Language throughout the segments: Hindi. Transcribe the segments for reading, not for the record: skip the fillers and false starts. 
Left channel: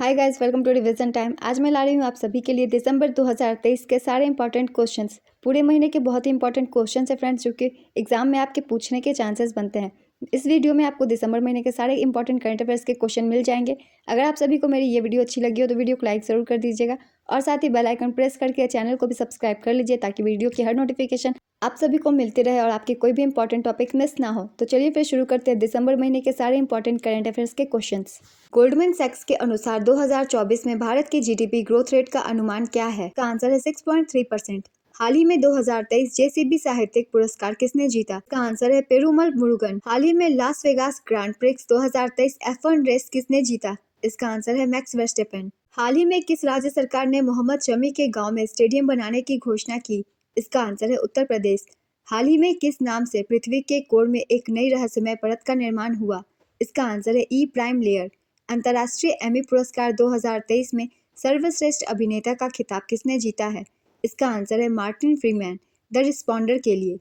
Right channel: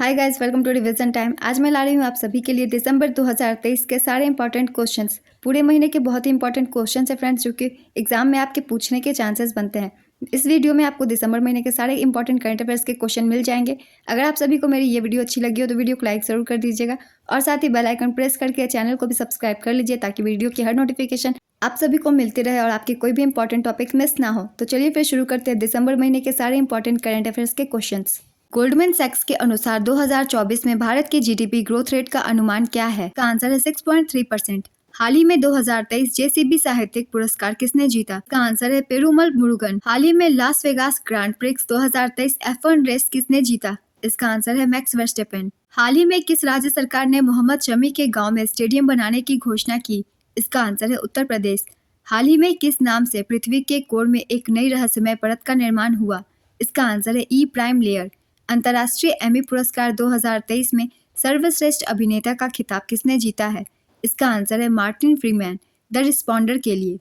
Hi guys, welcome to revision time. आज मैं ला रही हूँ आप सभी के लिए दिसंबर 2023 के सारे इंपॉर्टेंट क्वेश्चंस। पूरे महीने के बहुत ही इंपॉर्टेंट क्वेश्चंस है फ्रेंड्स, जो कि एग्जाम में आपके पूछने के चांसेस बनते हैं। इस वीडियो में आपको दिसंबर महीने के सारे इंपॉर्टेंट करंट अफेयर्स के क्वेश्चन मिल जाएंगे। अगर आप सभी को मेरी ये वीडियो अच्छी लगी हो तो वीडियो को लाइक जरूर कर दीजिएगा और साथ ही बेल आइकन प्रेस करके चैनल को भी सब्सक्राइब कर लीजिए ताकि वीडियो की हर नोटिफिकेशन आप सभी को मिलती रहे और आपकी कोई भी इंपॉर्टेंट टॉपिक मिस ना हो। तो चलिए फिर शुरू करते हैं दिसंबर महीने के सारे इंपॉर्टेंट करंट अफेयर्स के क्वेश्चंस। गोल्डमैन सैक्स के अनुसार 2024 में भारत की जीडीपी ग्रोथ रेट का अनुमान क्या है? का आंसर है 6.3%। हाल ही में 2023 जेसीबी साहित्यिक पुरस्कार किसने जीता? का आंसर है पेरुमल मुरुगन। हाल ही में Las Vegas Grand Prix 2023 F1 race किसने जीता? इसका आंसर है मैक्स वर्स्टेपेन। हाल ही में किस राज्य सरकार ने मोहम्मद शमी के गांव में स्टेडियम बनाने की घोषणा की? इसका आंसर है उत्तर प्रदेश। हाल ही में किस नाम से पृथ्वी के कोर में एक नई रहस्यमय परत का निर्माण हुआ? इसका आंसर है ई प्राइम लेयर। अंतर्राष्ट्रीय एमी पुरस्कार 2023 में सर्वश्रेष्ठ अभिनेता का खिताब किसने जीता है? इसका आंसर है मार्टिन फ्रीमैन द रिस्पॉन्डर के लिए।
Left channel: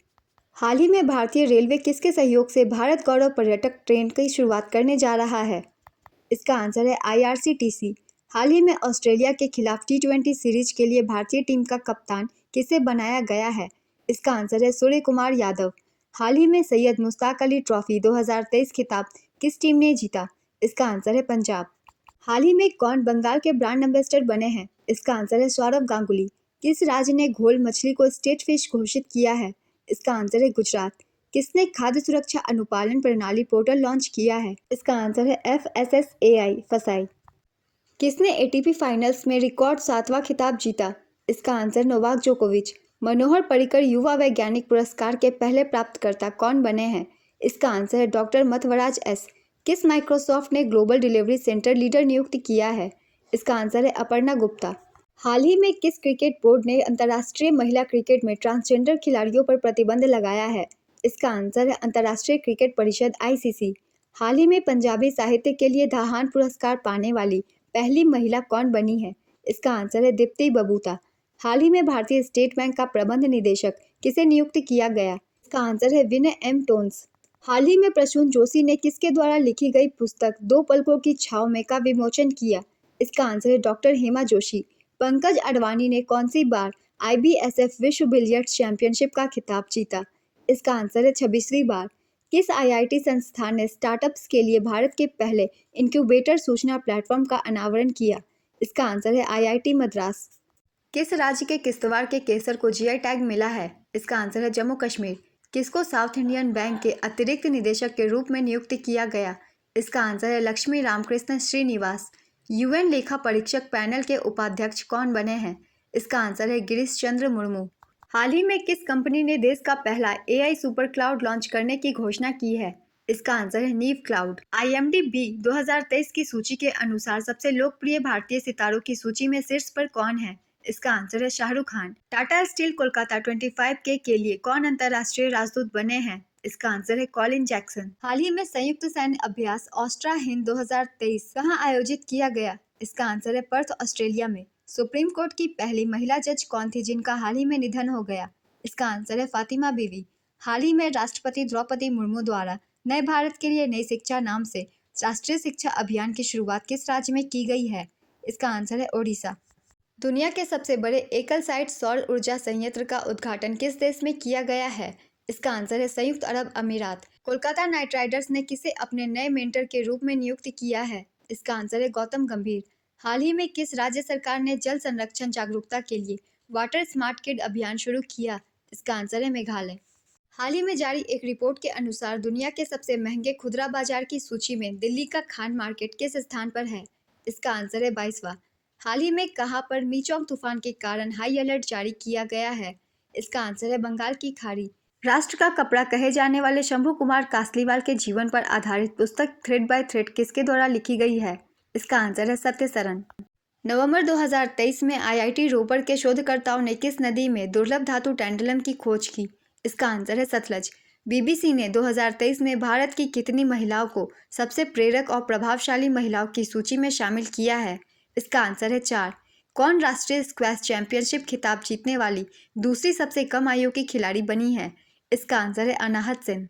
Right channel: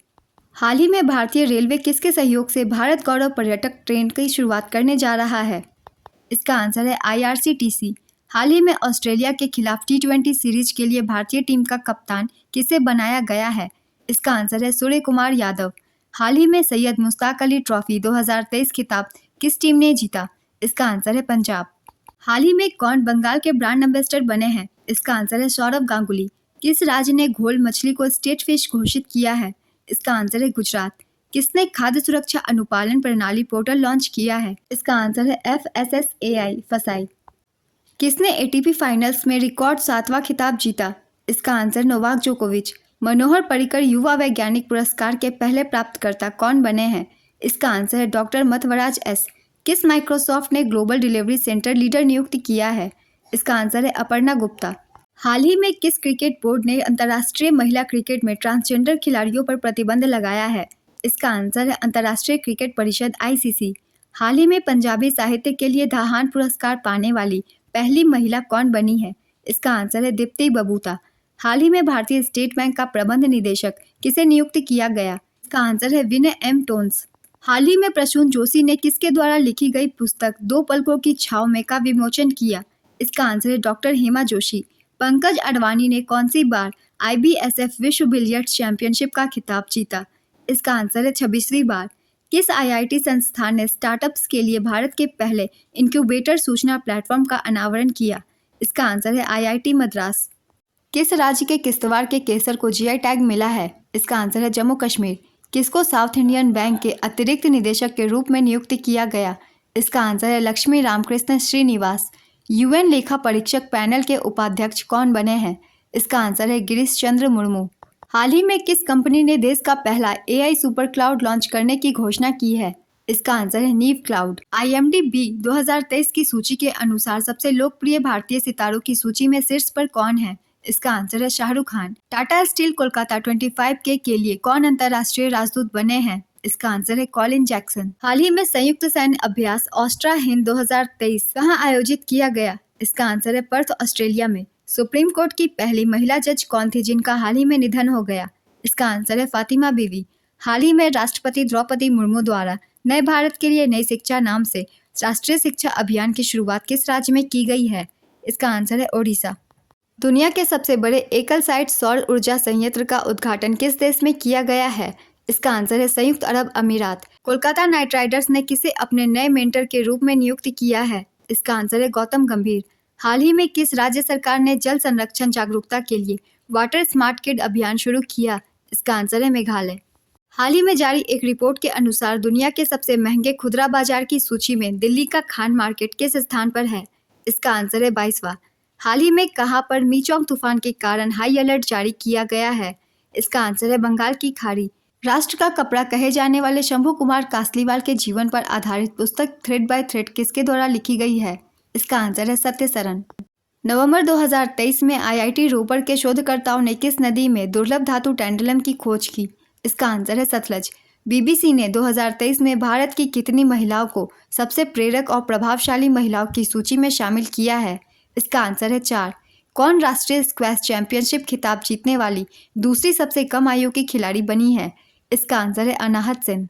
हाल ही में भारतीय रेलवे किसके सहयोग से भारत गौरव पर्यटक ट्रेन की शुरुआत करने जा रहा है? इसका आंसर है IRCTC। हाल ही में ऑस्ट्रेलिया के खिलाफ T20 सीरीज के लिए भारतीय टीम का कप्तान किसे बनाया गया है? इसका आंसर है सूर्य कुमार यादव। हाल ही में सैयद मुश्ताक अली ट्रॉफी 2023 खिताब किस टीम ने जीता? इसका आंसर है पंजाब। हाल ही में कौन बंगाल के ब्रांड एम्बेसडर बने हैं? इसका आंसर है सौरव गांगुली। किस राज्य ने घोल मछली को स्टेट फिश घोषित किया है? इसका आंसर है गुजरात। किसने खाद्य सुरक्षा अनुपालन प्रणाली पोर्टल लॉन्च किया है? इसका आंसर है FSSAI फसाई। किसने ATP फाइनल्स में रिकॉर्ड 7वां खिताब जीता? इसका आंसर नोवाक जोकोविच। मनोहर पर्रिकर युवा वैज्ञानिक पुरस्कार के पहले प्राप्तकर्ता कौन बने हैं? इसका आंसर है डॉक्टर मथवराज S। किस माइक्रोसॉफ्ट ने ग्लोबल डिलीवरी सेंटर लीडर नियुक्त किया है? इसका आंसर है अपर्णा गुप्ता। हाल ही में किस क्रिकेट बोर्ड ने अंतर्राष्ट्रीय महिला क्रिकेट में ट्रांसजेंडर खिलाड़ियों पर प्रतिबंध लगाया है? इसका आंसर है अंतर्राष्ट्रीय क्रिकेट परिषद ICC। हाल ही में पंजाबी साहित्य के लिए दाहान पुरस्कार पाने वाली पहली महिला कौन बनी है? इसका आंसर है दीप्ति बबूता। हाल ही में भारतीय स्टेट बैंक का प्रबंध निदेशक किसे नियुक्त किया गया? इसका आंसर है विनय M टोन्स। हाल ही में प्रसून जोशी ने किसके द्वारा लिखी गई पुस्तक दो पलकों की छाव में का विमोचन किया? इसका आंसर है डॉक्टर हेमा जोशी। पंकज अडवाणी ने कौन सी बार IBSF विश्व बिलियर्ड्स चैंपियनशिप का खिताब जीता? इसका आंसर है 26वीं बार। किस IIT संस्थान ने स्टार्टअप्स के लिए भारत के पहले इंक्यूबेटर सूचना प्लेटफॉर्म का अनावरण किया? इसका आंसर है IIT मद्रास। किस राज्य के किश्तवाड़ के केसर को GI टैग मिला है? इसका आंसर है जम्मू कश्मीर। किसको साउथ इंडियन बैंक के अतिरिक्त निदेशक के रूप में नियुक्त किया गया? इसका आंसर है लक्ष्मी रामकृष्ण श्रीनिवास। UN लेखा परीक्षक पैनल के उपाध्यक्ष कौन बने हैं? इसका आंसर है गिरीश चंद्र मुर्मू। हाल ही में किस कंपनी ने देश का पहला AI सुपर क्लाउड लॉन्च करने की घोषणा की है? इसका आंसर है नीव क्लाउड। IMDb 2023 की सूची के अनुसार सबसे लोकप्रिय भारतीय सितारों की सूची में शीर्ष पर कौन है? इसका आंसर है शाहरुख खान। टाटा स्टील कोलकाता 25K के लिए कौन अंतर्राष्ट्रीय राजदूत बने हैं? इसका आंसर है कॉलिन जैक्सन। हाल ही में संयुक्त सैन्य अभ्यास ऑस्ट्रा हिंद 2023 कहां आयोजित किया गया? इसका आंसर है पर्थ, ऑस्ट्रेलिया में। सुप्रीम कोर्ट की पहली महिला जज कौन थी जिनका हाल ही में निधन हो गया? इसका आंसर है फातिमा बीवी। हाल ही में राष्ट्रपति द्रौपदी मुर्मू द्वारा नए भारत के लिए नई शिक्षा नाम से राष्ट्रीय शिक्षा अभियान की शुरुआत किस राज्य में की गई है? इसका आंसर है ओडिशा। दुनिया के सबसे बड़े एकल साइट सौर ऊर्जा संयंत्र का उद्घाटन किस देश में किया गया है? इसका आंसर है संयुक्त अरब अमीरात। कोलकाता नाइट राइडर्स ने किसे अपने नए मेंटर के रूप में नियुक्त किया है? इसका आंसर है गौतम गंभीर। हाल ही में किस राज्य सरकार ने जल संरक्षण जागरूकता के लिए वाटर स्मार्ट किड अभियान शुरू किया? इसका आंसर है मेघालय। हाल ही में जारी एक रिपोर्ट के अनुसार दुनिया के सबसे महंगे खुदरा बाजार की सूची में दिल्ली का खान मार्केट किस स्थान पर है? इसका आंसर है 22वां। हाल ही में कहां पर मीचोंग तूफान के कारण हाई अलर्ट जारी किया गया है? इसका आंसर है बंगाल की खाड़ी। राष्ट्र का कपड़ा कहे जाने वाले शंभू कुमार कासलीवाल के जीवन पर आधारित पुस्तक थ्रेड बाय थ्रेड किसके द्वारा लिखी गई है? इसका आंसर है सत्य सरन। नवंबर 2023 में IIT रोपर के शोधकर्ताओं ने किस नदी में दुर्लभ धातु टैंटलम की खोज की? इसका आंसर है सतलज। BBC ने 2023 में भारत की कितनी महिलाओं को सबसे प्रेरक और प्रभावशाली महिलाओं की सूची में शामिल किया है? इसका आंसर है 4। कौन राष्ट्रीय स्क्वैश चैंपियनशिप खिताब जीतने वाली दूसरी सबसे कम आयु की खिलाड़ी बनी है? इसका आंसर है Anahat Singh.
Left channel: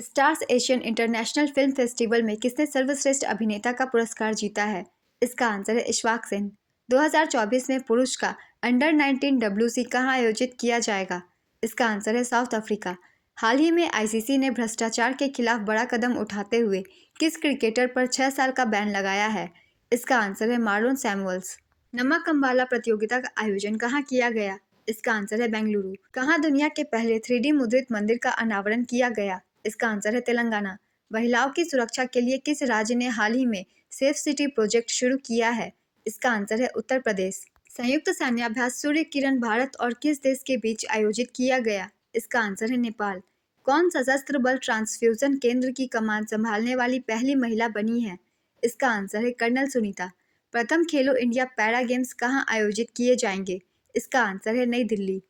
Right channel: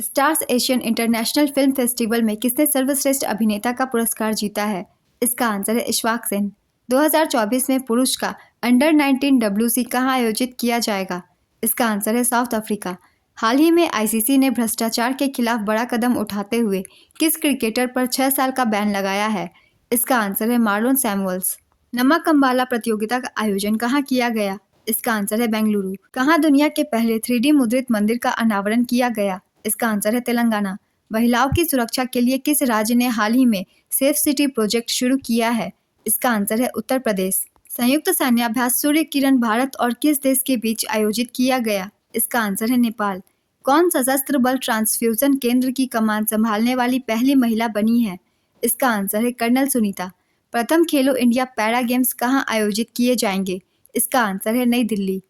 Stars Asian international film festival में किसने सर्वश्रेष्ठ अभिनेता का पुरस्कार जीता है? इसका आंसर है इशफाक सिंह। 2024 में पुरुष का अंडर 19 WC कहाँ आयोजित किया जाएगा? इसका आंसर है साउथ अफ्रीका। हाल ही में आईसीसी ने भ्रष्टाचार के खिलाफ बड़ा कदम उठाते हुए किस क्रिकेटर पर 6 साल का बैन लगाया है? इसका आंसर है मार्लोन सैमुअल्स। नमक अम्बाला प्रतियोगिता का आयोजन कहाँ किया गया? इसका आंसर है बेंगलुरु। कहाँ दुनिया के पहले 3D मुद्रित मंदिर का अनावरण किया गया? इसका आंसर है तेलंगाना। महिलाओं की सुरक्षा के लिए किस राज्य ने हाल ही में सेफ सिटी प्रोजेक्ट शुरू किया है? इसका आंसर है उत्तर प्रदेश। संयुक्त सैन्याभ्यास सूर्य किरण भारत और किस देश के बीच आयोजित किया गया? इसका आंसर है नेपाल। कौन सशस्त्र बल ट्रांसफ्यूजन केंद्र की कमान संभालने वाली पहली महिला बनी है? इसका आंसर है कर्नल सुनीता। प्रथम खेलो इंडिया पैरा गेम्स कहाँ आयोजित किए जाएंगे? इसका आंसर है नई दिल्ली।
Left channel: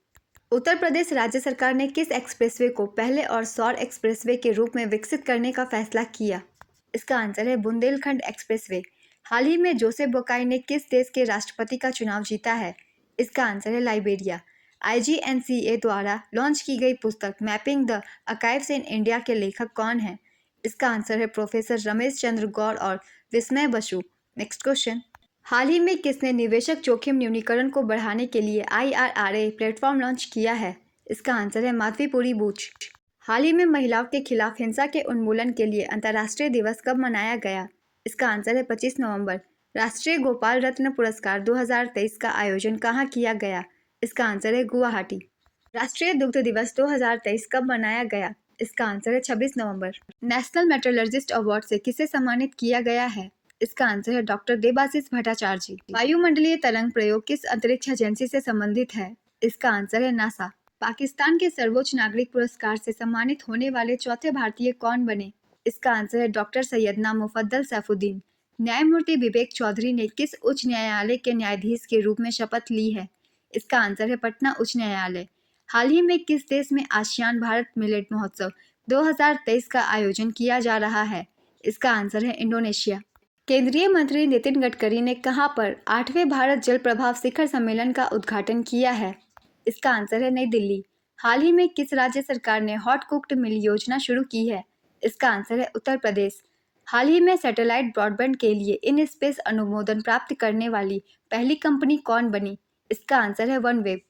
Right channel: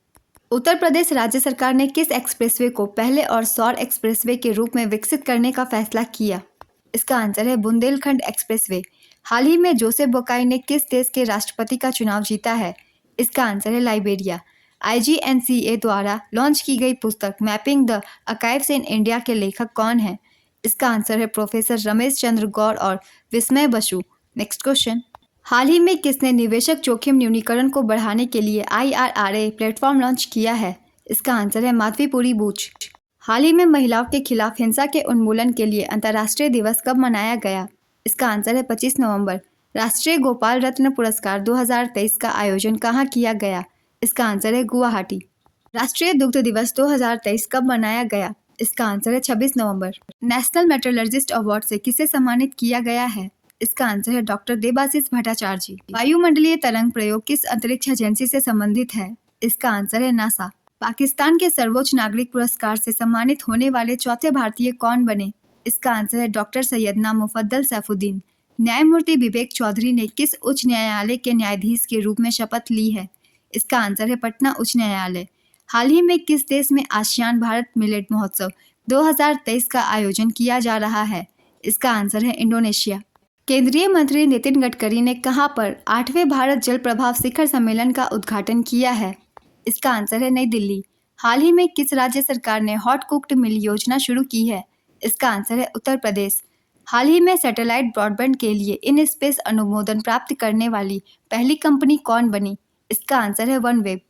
उत्तर प्रदेश राज्य सरकार ने किस एक्सप्रेसवे को पहले और सौर एक्सप्रेसवे के रूप में विकसित करने का फैसला किया? इसका आंसर है बुंदेलखंड एक्सप्रेसवे। हाल ही में जोसेफ बोकाई ने किस देश के राष्ट्रपति का चुनाव जीता है? इसका आंसर है लाइबेरिया। IGNCA द्वारा लॉन्च की गई पुस्तक mapping the archives in India के लेखक कौन है? इसका आंसर है प्रोफेसर रमेश चंद्र गौर और विस्मय बसु। Next question. हाल ही में किसने निवेशक जोखिम न्यूनीकरण को बढ़ाने के लिए IRRA प्लेटफॉर्म लॉन्च किया है? इसका आंसर है माधवीपुरी बूच। हाल ही में महिलाओं के खिलाफ हिंसा के उन्मूलन के लिए अंतर्राष्ट्रीय दिवस कब मनाया गया? इसका आंसर है 25 नवंबर। राष्ट्रीय गोपाल रत्न पुरस्कार 2023 का आयोजन कहाँ किया गया? इसका आंसर है गुवाहाटी। राष्ट्रीय दुग्ध दिवस 2023 कब मनाया गया? इसका आंसर है 26 नवंबर। नेशनल मेट्रोलॉजिस्ट अवार्ड से किसे सम्मानित किया गया है? इसका आंसर है डॉक्टर देबाशीष भट्टाचार्य जी। वायुमंडलीय तरंग प्रयोग किस अंतरिक्ष एजेंसी से संबंधित है? इसका आंसर है नासा। पाकिस्तान के सर्वोच्च नागरिक पुरस्कार से सम्मानित होने वाले चौथे भारतीय कौन बने? इसका आंसर है डॉक्टर सैयदना मुफद्दल सैफुद्दीन। न्यायमूर्ति विवेक चौधरी ने किस उच्च न्यायालय के न्यायाधीश के रूप में शपथ ली है? इसका आंसर है पटना उच्च न्यायालय। हाल ही में किस देश में आसियान भारत मिलेट महोत्सव 2023 का आयोजन किया जा रहा है? इसका आंसर है इंडोनेशिया। केंद्रीय मंत्री नितिन गडकरी ने कहां पर 8वें भारत जल प्रभाव शिखर सम्मेलन का उद्घाटन किया है? इसका आंसर है नई दिल्ली। हाल ही में किस राज्य सरकार ने हॉट कुक्ड मिल योजना शुरू की है? इसका आंसर है उत्तर प्रदेश। हाल ही में सैटेलाइट ब्रॉडबैंड के लिए इन स्पेस अनुमोदन प्राप्त करने वाली पहली कंपनी कौन बनी? इसका आंसर है वनवेब।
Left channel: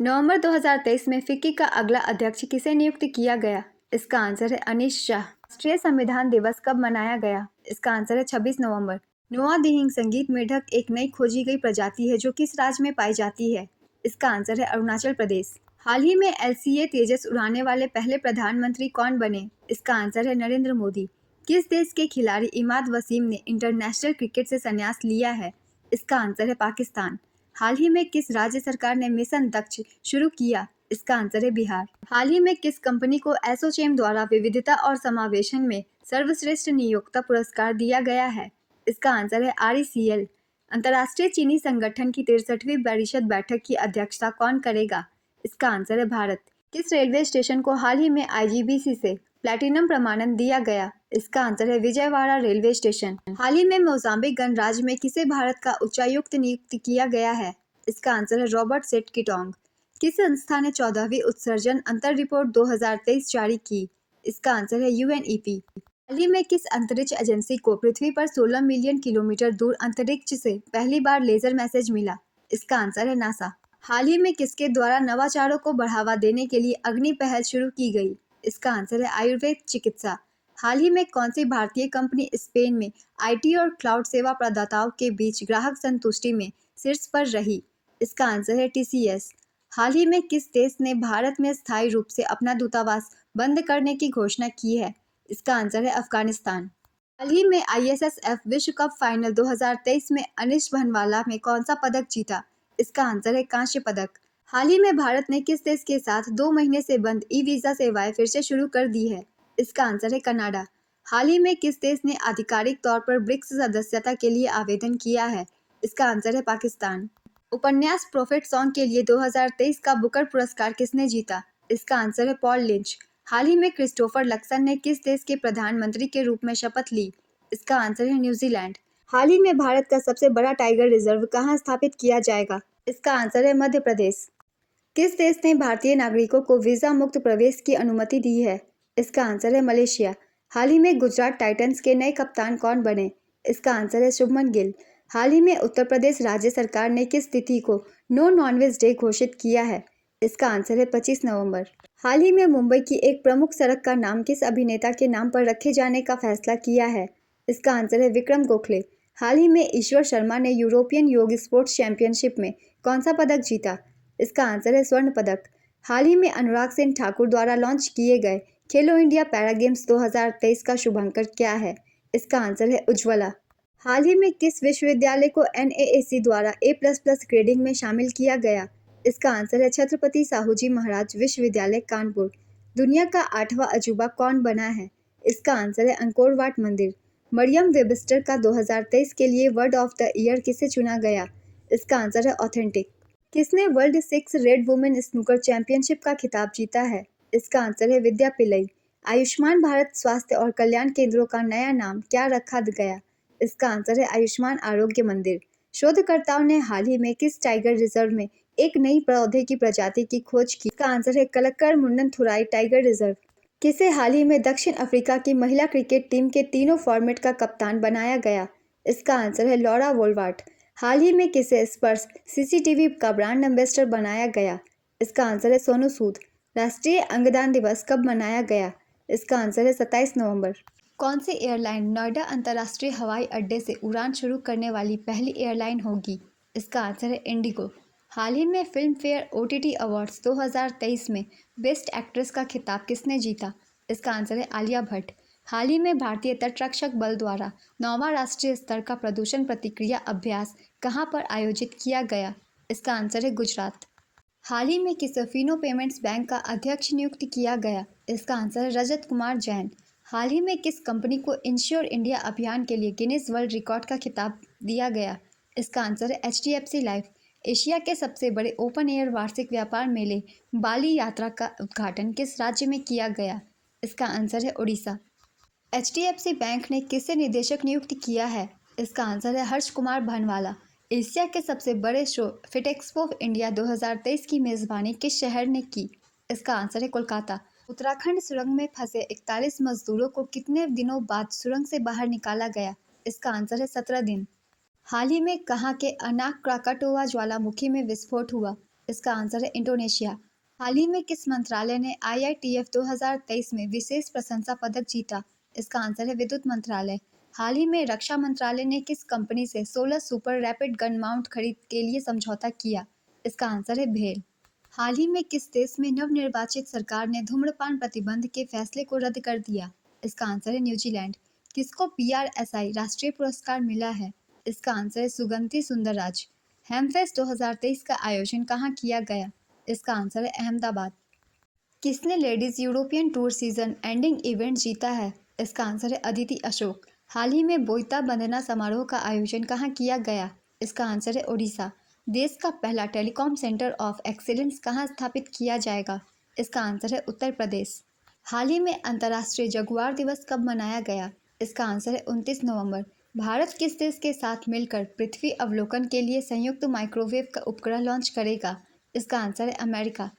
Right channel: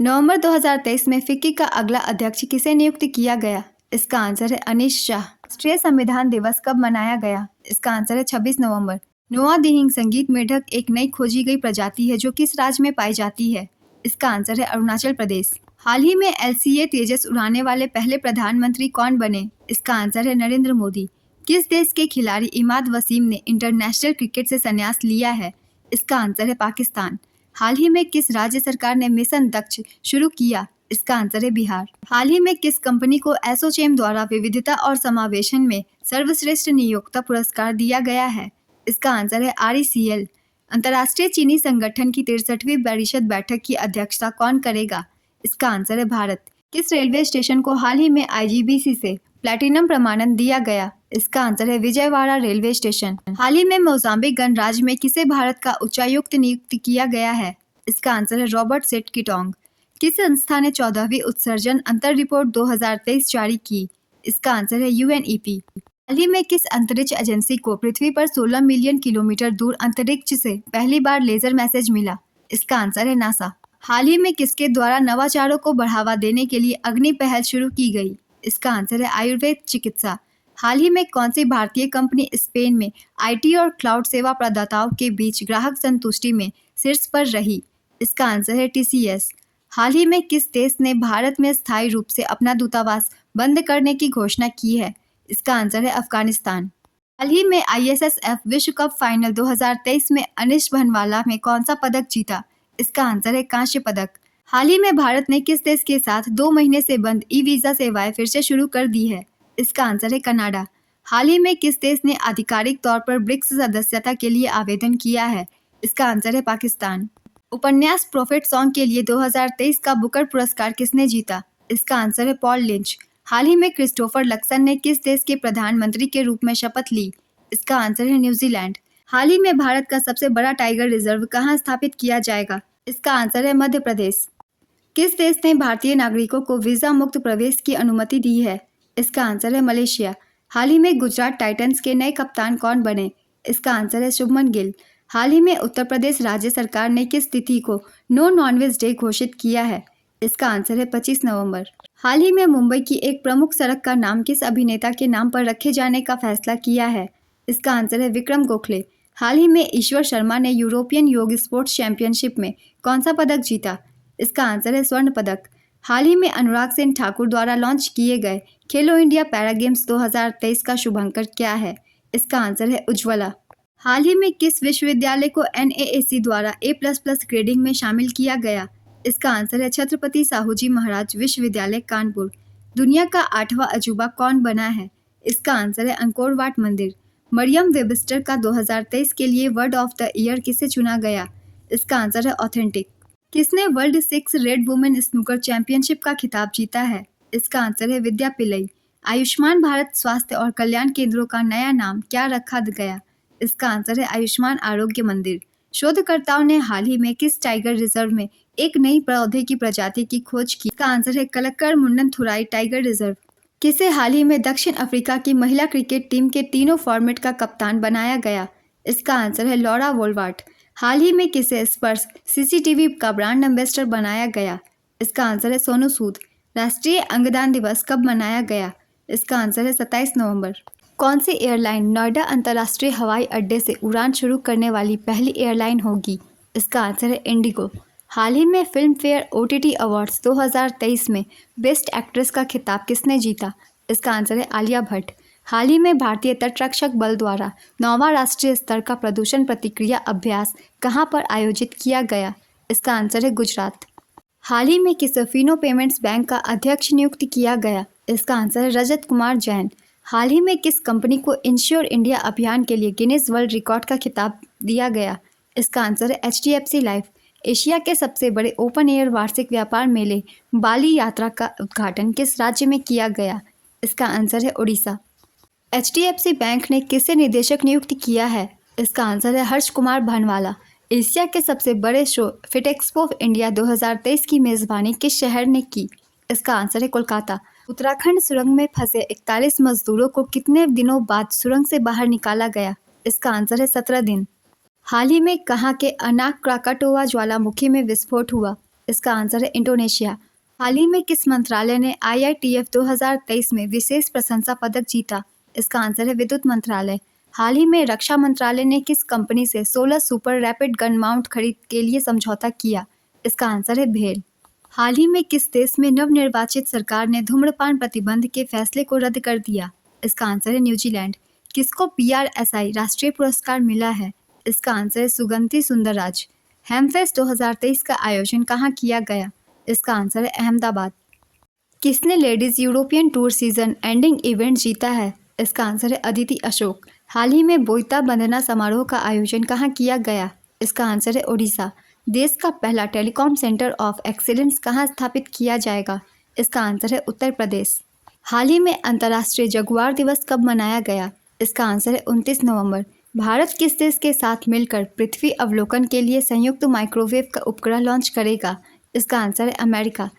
नवंबर 2023 में फिक्की का अगला अध्यक्ष किसे नियुक्त किया गया? इसका आंसर है अनीश शाह। राष्ट्रीय संविधान दिवस कब मनाया गया? इसका आंसर है 26 नवंबर। नोआ दिहिंग संगीत मेढक एक नई खोजी गई प्रजाति है जो किस राज्य में पाई जाती है? इसका आंसर है अरुणाचल प्रदेश। हाल ही में LCA तेजस उड़ाने वाले पहले प्रधानमंत्री कौन बने? इसका आंसर है नरेंद्र मोदी। किस देश के खिलाड़ी इमाद वसीम ने इंटरनेशनल क्रिकेट से संन्यास लिया है? इसका आंसर है पाकिस्तान। हाल ही में किस राज्य सरकार ने मिशन दक्ष शुरू किया? इसका आंसर है बिहार। हाल ही में किस कंपनी को एसोचैम द्वारा विविधता और समावेशन में सर्वश्रेष्ठ नियोक्ता पुरस्कार दिया गया है? इसका आंसर है RECL। अंतर्राष्ट्रीय चीनी संगठन की 63वीं परिषद बैठक की अध्यक्षता कौन करेगा? इसका आंसर है भारत। किस रेलवे स्टेशन को हाल ही में IGBC से प्लैटिनम प्रमाणन दिया गया? इसका आंसर है विजयवाड़ा रेलवे स्टेशन। हाल ही में मोजाम्बिक गणराज्य में किसे भारत का उच्चायुक्त नियुक्त किया गया है? इसका आंसर है रॉबर्ट सेट किटोंग। किस संस्था ने 14वीं उत्सर्जन अंतर रिपोर्ट 2023 जारी की? इसका आंसर है UNEP। हाल ही में किस अंतरिक्ष एजेंसी को पृथ्वी पर 16 मिलियन किलोमीटर दूर अंतरिक्ष से पहली बार लेजर मैसेज मिला? इसका आंसर है नासा। हाल ही में किसके द्वारा नवाचारों को बढ़ावा देने के लिए अग्नि पहल शुरू की गई? इसका आंसर है आयुर्वेद चिकित्सा। हाल ही में कौन सी भारतीय कंपनी स्पेन में IT और क्लाउड सेवा प्रदाताओं के बीच ग्राहक संतुष्टि में शीर्ष पर रही? इसका आंसर है TCS। हाल ही में किस देश ने भारत में स्थायी रूप से अपना दूतावास बंद करने की घोषणा की है? इसका आंसर है अफगानिस्तान। हाल ही में ISSF विश्व कप फाइनल 2023 में अनिश भनवाला में कौन सा पदक जीता? इसका आंसर है कांस्य पदक। हाल ही में भारत ने किस देश के साथ 2 महीने से बंद ई-वीजा सेवाएं फिर से शुरू कर दी है? इसका आंसर है कनाडा। हाल ही में किस देश ने आधिकारिक तौर पर ब्रिक्स सदस्यता के लिए आवेदन किया है? इसका आंसर है पाकिस्तान। उपन्यास प्रॉफिट सॉन्ग के लिए 2023 का बुकर पुरस्कार किसने जीता? इसका आंसर है पॉल लिंच। हाल ही में क्रिस्टोफर लक्सन ने किस देश के प्रधानमंत्री के रूप में शपथ ली? इसका आंसर है न्यूजीलैंड। हाल ही में भारत का सबसे बड़ा टाइगर रिजर्व कहाँ स्थापित किया जाएगा? इसका आंसर है मध्य प्रदेश। किस देश ने भारतीय नागरिकों को वीजा मुक्त प्रवेश की अनुमति दी है? इसका आंसर है मलेशिया। हाल ही में गुजरात टाइटंस के नए कप्तान कौन बने? इसका आंसर है शुभमन गिल। हाल ही में उत्तर प्रदेश राज्य सरकार ने किस तिथि को नो नॉनवेज डे घोषित किया है? इसका आंसर है 25 नवंबर। हाल ही में मुंबई की एक प्रमुख सड़क का नाम किस अभिनेता के नाम पर रखे जाने का फैसला किया है? इसका आंसर है विक्रम गोखले। हाल ही में ईश्वर शर्मा ने यूरोपियन योग स्पोर्ट्स चैंपियनशिप में कौन सा पदक जीता? इसका आंसर है स्वर्ण पदक। हाल ही में अनुराग सिंह ठाकुर द्वारा लॉन्च किए गए खेलो इंडिया पैरा गेम्स 2023 का शुभांकर क्या है? इसका आंसर है उज्ज्वला। हाल ही में किस विश्वविद्यालय को NAAC द्वारा A++ ग्रेडिंग में शामिल किया गया? इसका आंसर है छत्रपति साहूजी महाराज विश्वविद्यालय कानपुर। दुनिया का 8वां अजूबा कौन बना है? इसका आंसर है अंकोर वाट मंदिर। मरियम वेबस्टर का 2023 के लिए वर्ड ऑफ द ईयर किसे चुना गया? इसका आंसर है ऑथेंटिक। किसने world 6 red women snooker championship का खिताब जीता है? इसका आंसर है विद्या पिल्लई। आयुष्मान भारत स्वास्थ्य और कल्याण केंद्रों का नया नाम क्या रखा गया? इसका आंसर है आयुष्मान आरोग्य मंदिर। शोधकर्ताओं ने हाल ही में किस टाइगर रिजर्व में एक नई पौधे की प्रजाति की खोज की? इसका आंसर है कलक्कर मुंडनथुराई टाइगर रिजर्व। किसे हाल ही में दक्षिण अफ्रीका की महिला क्रिकेट टीम के तीनों फॉर्मेट का कप्तान बनाया गया? इसका आंसर है लॉरा वोल्वार्ट। हाल ही में किसे स्पर्श CCTV का ब्रांड एम्बेसडर बनाया गया? इसका आंसर है सोनू सूद। राष्ट्रीय अंगदान दिवस कब मनाया गया? इसका आंसर है 27 नवंबर। कौन सी एयरलाइन नोएडा अंतर्राष्ट्रीय हवाई अड्डे से उड़ान शुरू करने वाली पहली एयरलाइन होगी? इसका आंसर है इंडिगो। हाल ही में फिल्म फेयर OTT अवार्ड्स 2023 में बेस्ट एक्ट्रेस का खिताब किसने जीता? इसका आंसर है आलिया भट्ट। हाल ही में भारतीय तटरक्षक बल द्वारा 9वां राष्ट्रीय स्तर का प्रदूषण प्रतिक्रिया अभ्यास कहां पर आयोजित किया गया? इसका आंसर है गुजरात। हाल ही में किसे फिनो पेमेंट्स बैंक का अध्यक्ष नियुक्त किया गया? इसका आंसर है रजत कुमार जैन। हाल ही में किस कंपनी को इंश्योर इंडिया अभियान के लिए गिनीज वर्ल्ड रिकॉर्ड का खिताब दिया गया? इसका आंसर है HDFC लाइफ। एशिया के सबसे बड़े ओपन एयर वार्षिक व्यापार मेले बाली यात्रा का उद्घाटन किस राज्य में किया गया? इसका आंसर है उड़ीसा। HDFC बैंक ने किसे निदेशक नियुक्त किया है? इसका आंसर है हर्ष कुमार भानवाला। एशिया के सबसे बड़े शो फिटेक्सपो इंडिया 2023 की मेजबानी किस शहर ने की? इसका आंसर है कोलकाता। उत्तराखंड सुरंग में फंसे 41 मजदूरों को कितने दिनों बाद सुरंग से बाहर निकाला गया? इसका आंसर है 17 दिन। हाल ही में कहाँ के अनाक क्राकाटोवा ज्वालामुखी में विस्फोट हुआ? इसका आंसर है इंडोनेशिया। हाल ही में किस मंत्रालय ने IITF 2023 में विशेष प्रशंसा पदक जीता? इसका आंसर है विद्युत मंत्रालय। हाल ही में रक्षा मंत्रालय ने किस कंपनी से 16 सुपर रैपिड गन माउंट खरीद के लिए समझौता किया? इसका आंसर है भेल। हाल ही में किस देश में नवनिर्वाचित सरकार ने धूम्रपान प्रतिबंध के फैसले को रद्द कर दिया? इसका आंसर है न्यूजीलैंड। किसको PRSI राष्ट्रीय पुरस्कार मिला है? इसका आंसर है सुगंधी सुंदरराज। हेमफेस्ट 2023 का आयोजन कहाँ किया गया? इसका आंसर है अहमदाबाद। किसने ladies European tour season ending event जीता है? इसका आंसर है अदिति अशोक। हाल ही में बोईता बंदना समारोह का आयोजन कहाँ किया गया? इसका आंसर है ओडिशा। देश का पहला टेलीकॉम सेंटर ऑफ एक्सीलेंस कहाँ स्थापित किया जाएगा? इसका आंसर है उत्तर प्रदेश। हाल ही में अंतर्राष्ट्रीय जगुआर दिवस कब मनाया गया? इसका आंसर है 29 नवंबर। भारत किस देश के साथ मिलकर पृथ्वी अवलोकन के लिए संयुक्त माइक्रोवेव का उपग्रह लॉन्च करेगा? इसका आंसर है अमेरिका।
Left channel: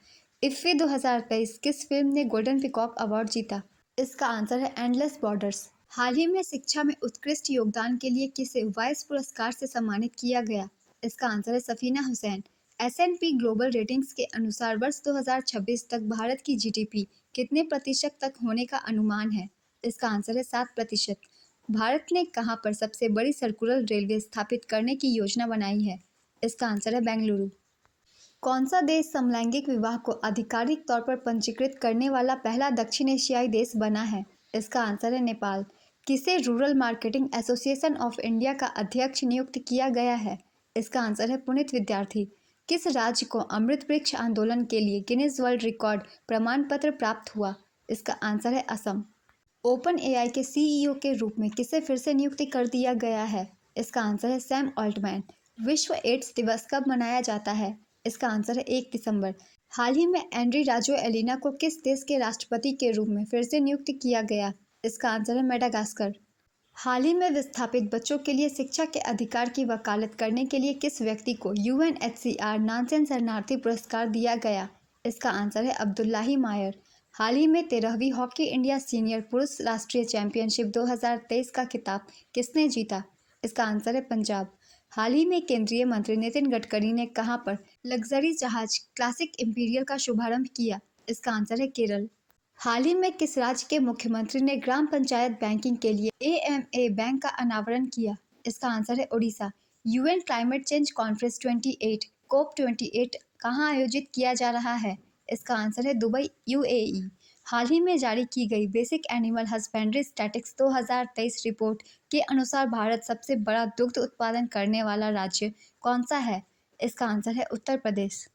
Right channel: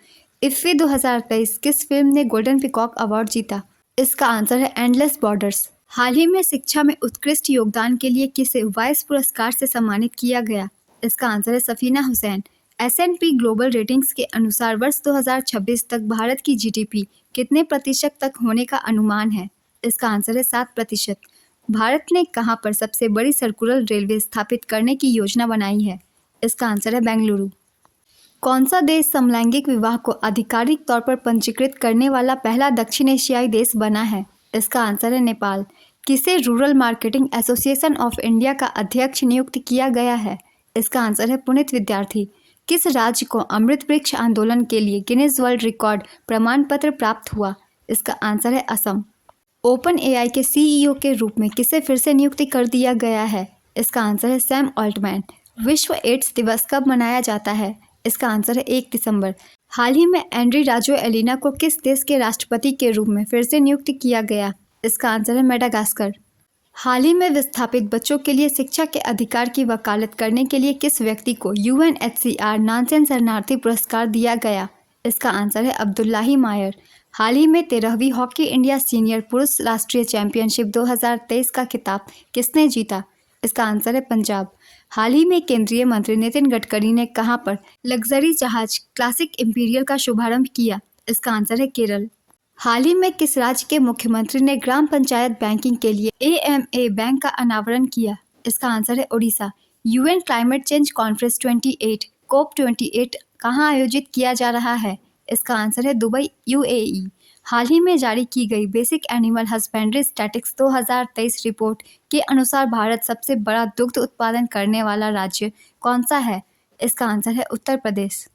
इफ्फी 2023 किस फिल्म ने गोल्डन पीकॉक अवार्ड जीता? इसका आंसर है एंडलेस बॉर्डर्स। हाल ही में शिक्षा में उत्कृष्ट योगदान के लिए किसे वाइस पुरस्कार से सम्मानित किया गया? इसका आंसर है Safina Hussain. S&P global ratings के अनुसार वर्ष 2026 तक भारत की GDP कितने प्रतिशत तक होने का अनुमान है? इसका आंसर है 7%। भारत ने कहां पर सबसे बड़ी सर्कुलर रेलवे स्थापित करने की योजना बनाई है? इसका आंसर है बेंगलुरु। कौन सा देश समलैंगिक विवाह को आधिकारिक तौर पर पंजीकृत करने वाला पहला दक्षिण एशियाई देश बना है? इसका आंसर है नेपाल। किसे rural marketing association of India का अध्यक्ष नियुक्त किया गया है? इसका आंसर है पुनीत विद्यार्थी। किस राज्य को अमृत वृक्ष आंदोलन के लिए गिनीज वर्ल्ड रिकॉर्ड प्रमाण पत्र प्राप्त हुआ? इसका आंसर है असम। ओपन AI के CEO के रूप में किसे फिर से नियुक्ति कर दिया गया है? इसका आंसर है सैम ऑल्टमैन। विश्व एड्स दिवस कब मनाया जाता है? इसका आंसर है 1 दिसंबर। हाल ही में एंड्री राजो एलिना को किस देश के राष्ट्रपति के रूप में फिर से नियुक्त किया गया? इसका आंसर है मेडागास्कर। हाल ही में विस्थापित बच्चों के लिए शिक्षा के अधिकार की वकालत करने के लिए किस व्यक्ति को UNHCR नानसेन शरणार्थी पुरस्कार दिया गया? इसका आंसर है अब्दुल्लाही मायर। हाल ही में 13वीं हॉकी इंडिया सीनियर पुरुष राष्ट्रीय चैंपियनशिप 2023 का खिताब किसने जीता? इसका आंसर है पंजाब। हाल ही में केंद्रीय मंत्री नितिन गडकरी ने कहां पर लग्जरी जहाज क्लासिक इंपीरियल का शुभारंभ किया? इसका आंसर है केरल। हाल ही में किस राज्य के मुख्यमंत्री ने ग्राम पंचायत बैंकिंग के लिए AMA बैंक का अनावरण किया? इसका आंसर है Odisha. UN climate change conference 28 COP28 कहाँ आयोजित किया जा रहा है? इसका आंसर है दुबई, UAE। हाल ही में जारी की गई basic animal husbandry statistics 2023 report के अनुसार भारत सबसे बड़ा दुग्ध उत्पादन करने वाला राज्य कौन सा है? इसका आंसर है उत्तर प्रदेश।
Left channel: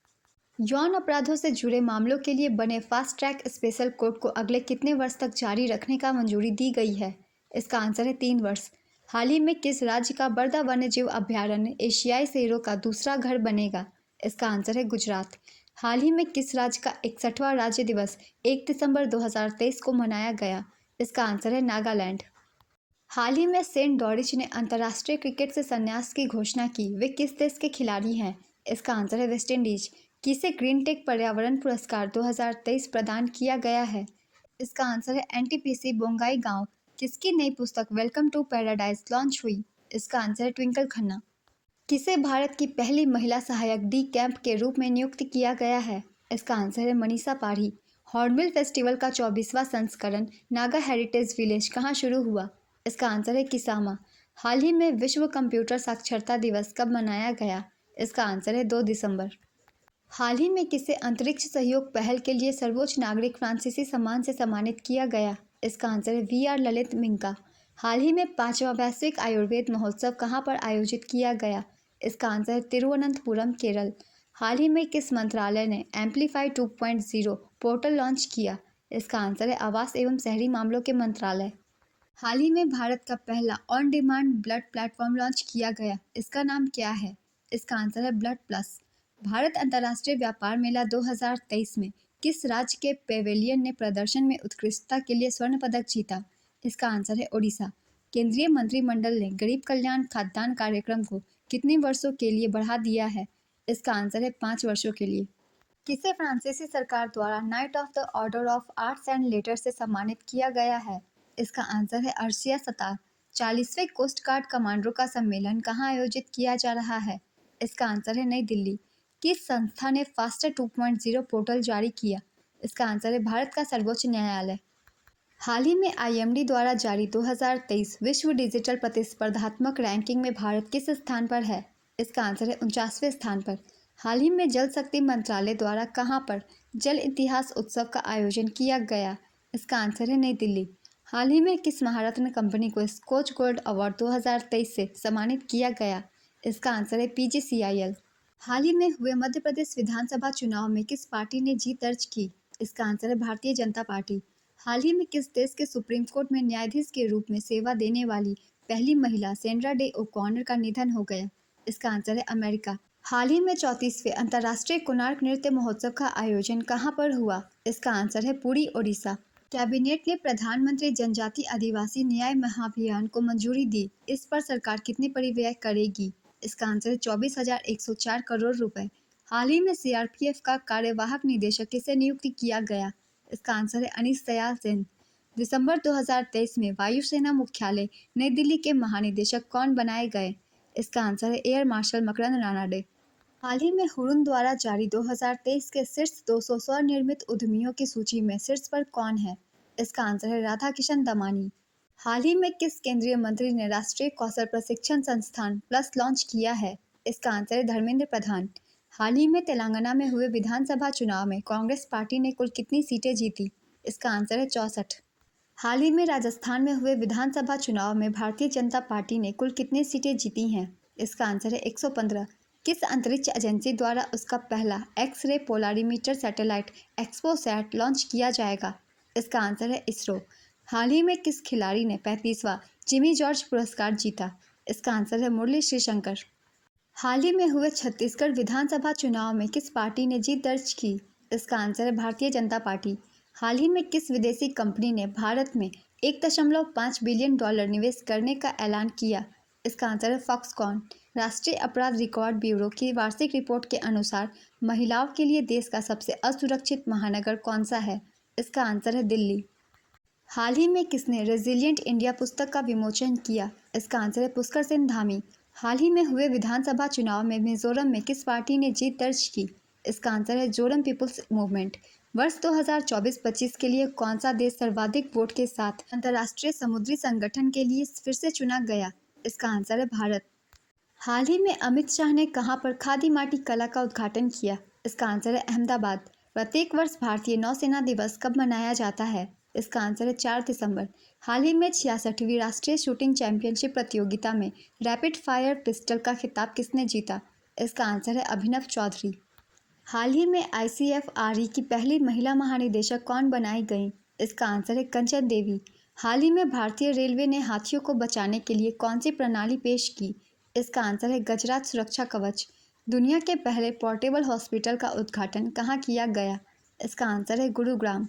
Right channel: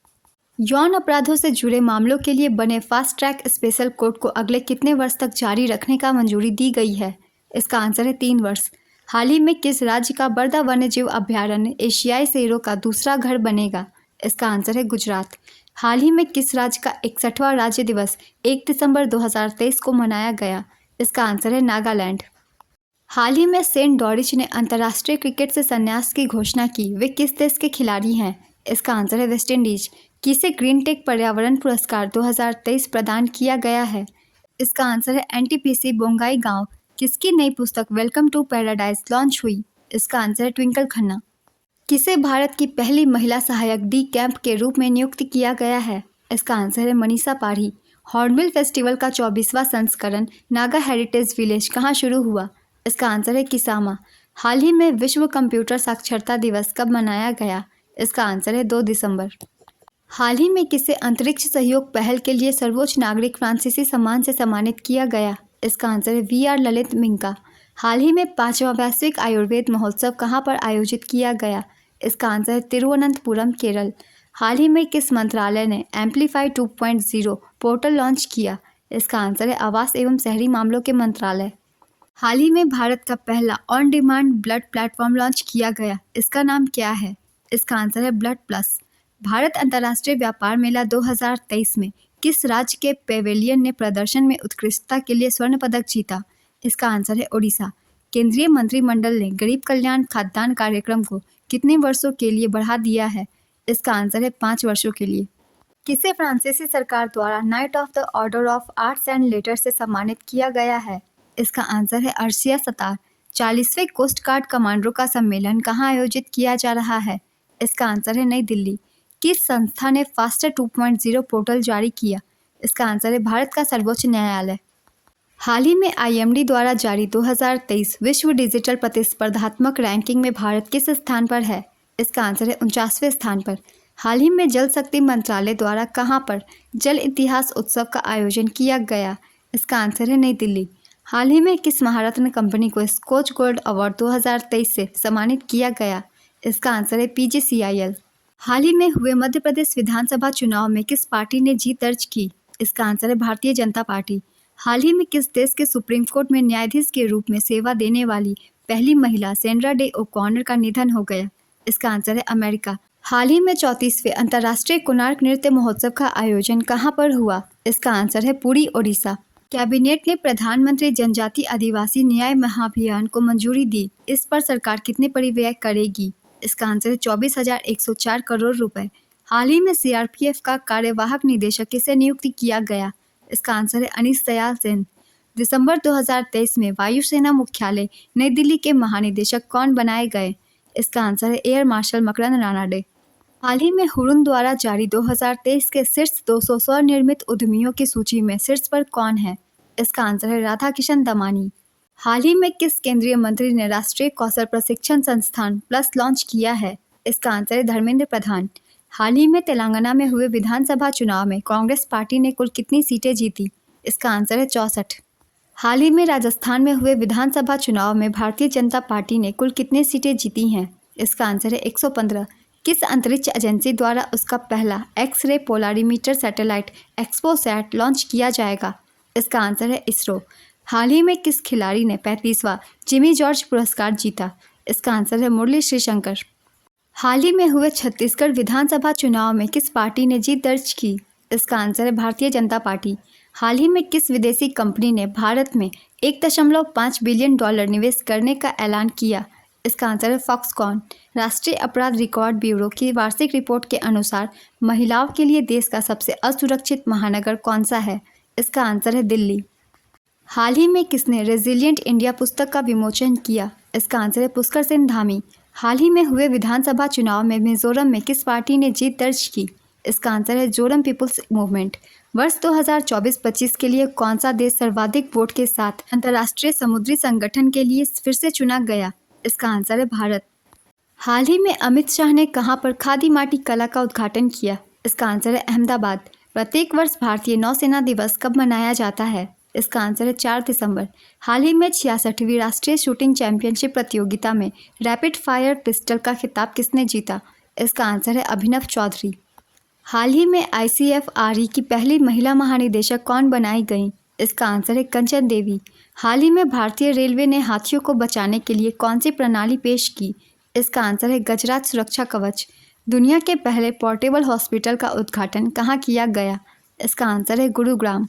यौन अपराधों से जुड़े मामलों के लिए बने फास्ट ट्रैक स्पेशल कोर्ट को अगले कितने वर्ष तक जारी रखने का मंजूरी दी गई है? इसका आंसर है 3 वर्ष। हाल ही में किस राज्य का बर्दा वन्यजीव अभयारण्य एशियाई शेरों का दूसरा घर बनेगा? इसका आंसर है गुजरात। हाल ही में किस राज्य का 61वां राज्य दिवस 1 दिसंबर 2023 को मनाया गया? इसका आंसर है नागालैंड। हाल ही में सेंट डॉरिच ने अंतर्राष्ट्रीय क्रिकेट से संन्यास की घोषणा की। वे किस देश के खिलाड़ी हैं? इसका आंसर है वेस्ट इंडीज। किसे ग्रीन टेक पर्यावरण पुरस्कार 2023 प्रदान किया गया है? इसका आंसर है NTPC बोंगाई गांव। किसकी नई पुस्तक वेलकम टू पैराडाइज लॉन्च हुई? इसका आंसर है ट्विंकल खन्ना। किसे भारत की पहली महिला सहायक डी कैंप के रूप में नियुक्त किया गया है? इसका आंसर है मनीषा पाढ़ी। हॉर्नबिल फेस्टिवल का 24वां संस्करण नागा हेरिटेज विलेज कहाँ शुरू हुआ? इसका आंसर है किसामा। हाल ही में विश्व कंप्यूटर साक्षरता दिवस कब मनाया गया? इसका आंसर है 2 दिसंबर। हाल ही में किसे अंतरिक्ष सहयोग पहल के लिए सर्वोच्च नागरिक फ्रांसीसी सम्मान से सम्मानित किया गया? इसका आंसर है VR ललित मिंका। हाल ही में 5वां वैश्विक आयुर्वेद महोत्सव कहाँ पर आयोजित किया गया? इसका आंसर है तिरुवनंतपुरम, केरल। हाल ही में किस मंत्रालय ने एम्पलीफाई 2.0 पोर्टल लॉन्च किया? इसका आंसर है आवास एवं शहरी मामलों के मंत्रालय। हाल ही में भारत का पहला on demand blood platform launch किया गया। इसका नाम क्या है? इसका आंसर है ब्लड प्लस। भारत अंतर्राष्ट्रीय व्यापार मेला 2023 में किस राज्य के पेवेलियन ने प्रदर्शन में उत्कृष्टता के लिए स्वर्ण पदक जीता? इसका आंसर है ओडिशा। केंद्रीय मंत्रिमंडल ने गरीब कल्याण खाद्यान्न कार्यक्रम को कितने वर्षों के लिए बढ़ा दिया है? इसका आंसर है 5 वर्षों के लिए। किसे फ्रांसीसी सरकार द्वारा night of the order of arts and letters से सम्मानित किया गया है? इसका आंसर है अर्शिया सतार। 40वें कोस्ट गार्ड कमांडरों का सम्मेलन कहाँ आयोजित किया जा रहा है? इसका आंसर है नई दिल्ली। किस संस्था ने फास्टर 2.0 पोर्टल जारी किया? इसका आंसर है भारत का सर्वोच्च न्यायालय। हाल ही में IMD द्वारा जारी 2023 विश्व डिजिटल प्रतिस्पर्धात्मक रैंकिंग में भारत किस स्थान पर है? इसका आंसर है 49वें स्थान पर। हाल ही में जल शक्ति मंत्रालय द्वारा कहाँ पर जल इतिहास उत्सव का आयोजन किया गया? इसका आंसर है नई दिल्ली। हाल ही में किस महारत्न कंपनी को स्कॉच गोल्ड अवार्ड 2023 से सम्मानित किया गया? इसका आंसर है PGCIL। हाल ही में हुए मध्य प्रदेश विधानसभा चुनाव में किस पार्टी ने जीत दर्ज की? इसका आंसर है भारतीय जनता पार्टी। हाल ही में किस देश के सुप्रीम कोर्ट में न्यायाधीश के रूप में सेवा देने वाली पहली महिला सेंड्रा डे ओकॉनर का निधन हो गया? इसका आंसर है अमेरिका। हाल ही में 34वें अंतर्राष्ट्रीय कोणार्क नृत्य महोत्सव का आयोजन कहाँ पर हुआ? इसका आंसर है पुरी, ओडिशा। कैबिनेट ने प्रधानमंत्री जनजाति आदिवासी न्याय महाअभियान को मंजूरी दी। इस पर सरकार कितने परिव्यय करेगी? इसका आंसर है 24,104 करोड़ रुपए। हाल ही में CRPF का कार्यवाहक निदेशक किसे नियुक्त किया गया? इसका आंसर है अनीस दयाल सेन। दिसंबर 2023 में वायुसेना मुख्यालय नई दिल्ली के महानिदेशक कौन बनाए गए? इसका आंसर है एयर मार्शल मकरंद रानाडे। हाल ही में हुरुन द्वारा जारी 2023 के शीर्ष 200 स्वनिर्मित उद्यमियों की सूची में शीर्ष पर कौन है? इसका आंसर है राधा किशन दमानी। हाल ही में किस केंद्रीय मंत्री ने राष्ट्रीय कौशल प्रशिक्षण संस्थान प्लस लॉन्च किया है? इसका आंसर है धर्मेंद्र प्रधान। हाल ही में तेलंगाना में हुए विधानसभा चुनाव में कांग्रेस पार्टी ने कुल कितनी सीटें जीती? इसका आंसर है 64। हाल ही में राजस्थान में हुए विधानसभा चुनाव में भारतीय जनता पार्टी ने कुल कितनी सीटें जीती हैं? इसका आंसर है 115। किस अंतरिक्ष एजेंसी द्वारा उसका पहला X-ray polarimeter satellite XPoSat launch किया जाएगा? इसका आंसर है इसरो। हाल ही में किस खिलाड़ी ने 35वां जिमी जॉर्ज पुरस्कार जीता? इसका आंसर है मुरली श्रीशंकर। हाल ही में हुए छत्तीसगढ़ विधानसभा चुनाव में किस पार्टी ने जीत दर्ज की? इसका आंसर है भारतीय जनता पार्टी। हाल ही में किस विदेशी कंपनी ने भारत में $1.5 बिलियन निवेश करने का ऐलान किया? इसका आंसर है फॉक्सकॉन। राष्ट्रीय अपराध रिकॉर्ड ब्यूरो की वार्षिक रिपोर्ट के अनुसार महिलाओं के लिए देश का सबसे असुरक्षित महानगर कौन सा है? इसका आंसर है दिल्ली। हाल ही में किसने रेजिलिएंट इंडिया पुस्तक का विमोचन किया? इसका आंसर है पुष्कर सेन धामी। हाल ही में हुए विधानसभा चुनाव में मिजोरम में किस पार्टी ने जीत दर्ज की? इसका आंसर है जोरम पीपुल्स मूवमेंट। वर्ष 2024-25 के लिए कौन सा देश सर्वाधिक वोट के साथ अंतर्राष्ट्रीय समुद्री संगठन के लिए फिर से चुना गया? इसका आंसर है भारत। हाल ही में अमित शाह ने कहां पर खादी माटी कला का उद्घाटन किया? इसका आंसर है अहमदाबाद। प्रत्येक वर्ष भारतीय नौसेना दिवस कब मनाया जाता है? इसका आंसर है 4 दिसंबर। हाल ही में 66वीं राष्ट्रीय शूटिंग चैंपियनशिप प्रतियोगिता में रैपिड फायर पिस्टल का खिताब किसने जीता? इसका आंसर है अभिनव चौधरी। हाल ही में ICFRE की पहली महिला महानिदेशक कौन बनाई गई? इसका आंसर है कंचन देवी। हाल ही में भारतीय रेलवे ने हाथियों को बचाने के लिए कौन सी प्रणाली पेश की? इसका आंसर है गजराज सुरक्षा कवच। दुनिया के पहले पोर्टेबल हॉस्पिटल का उद्घाटन कहाँ किया गया? इसका आंसर है गुरुग्राम।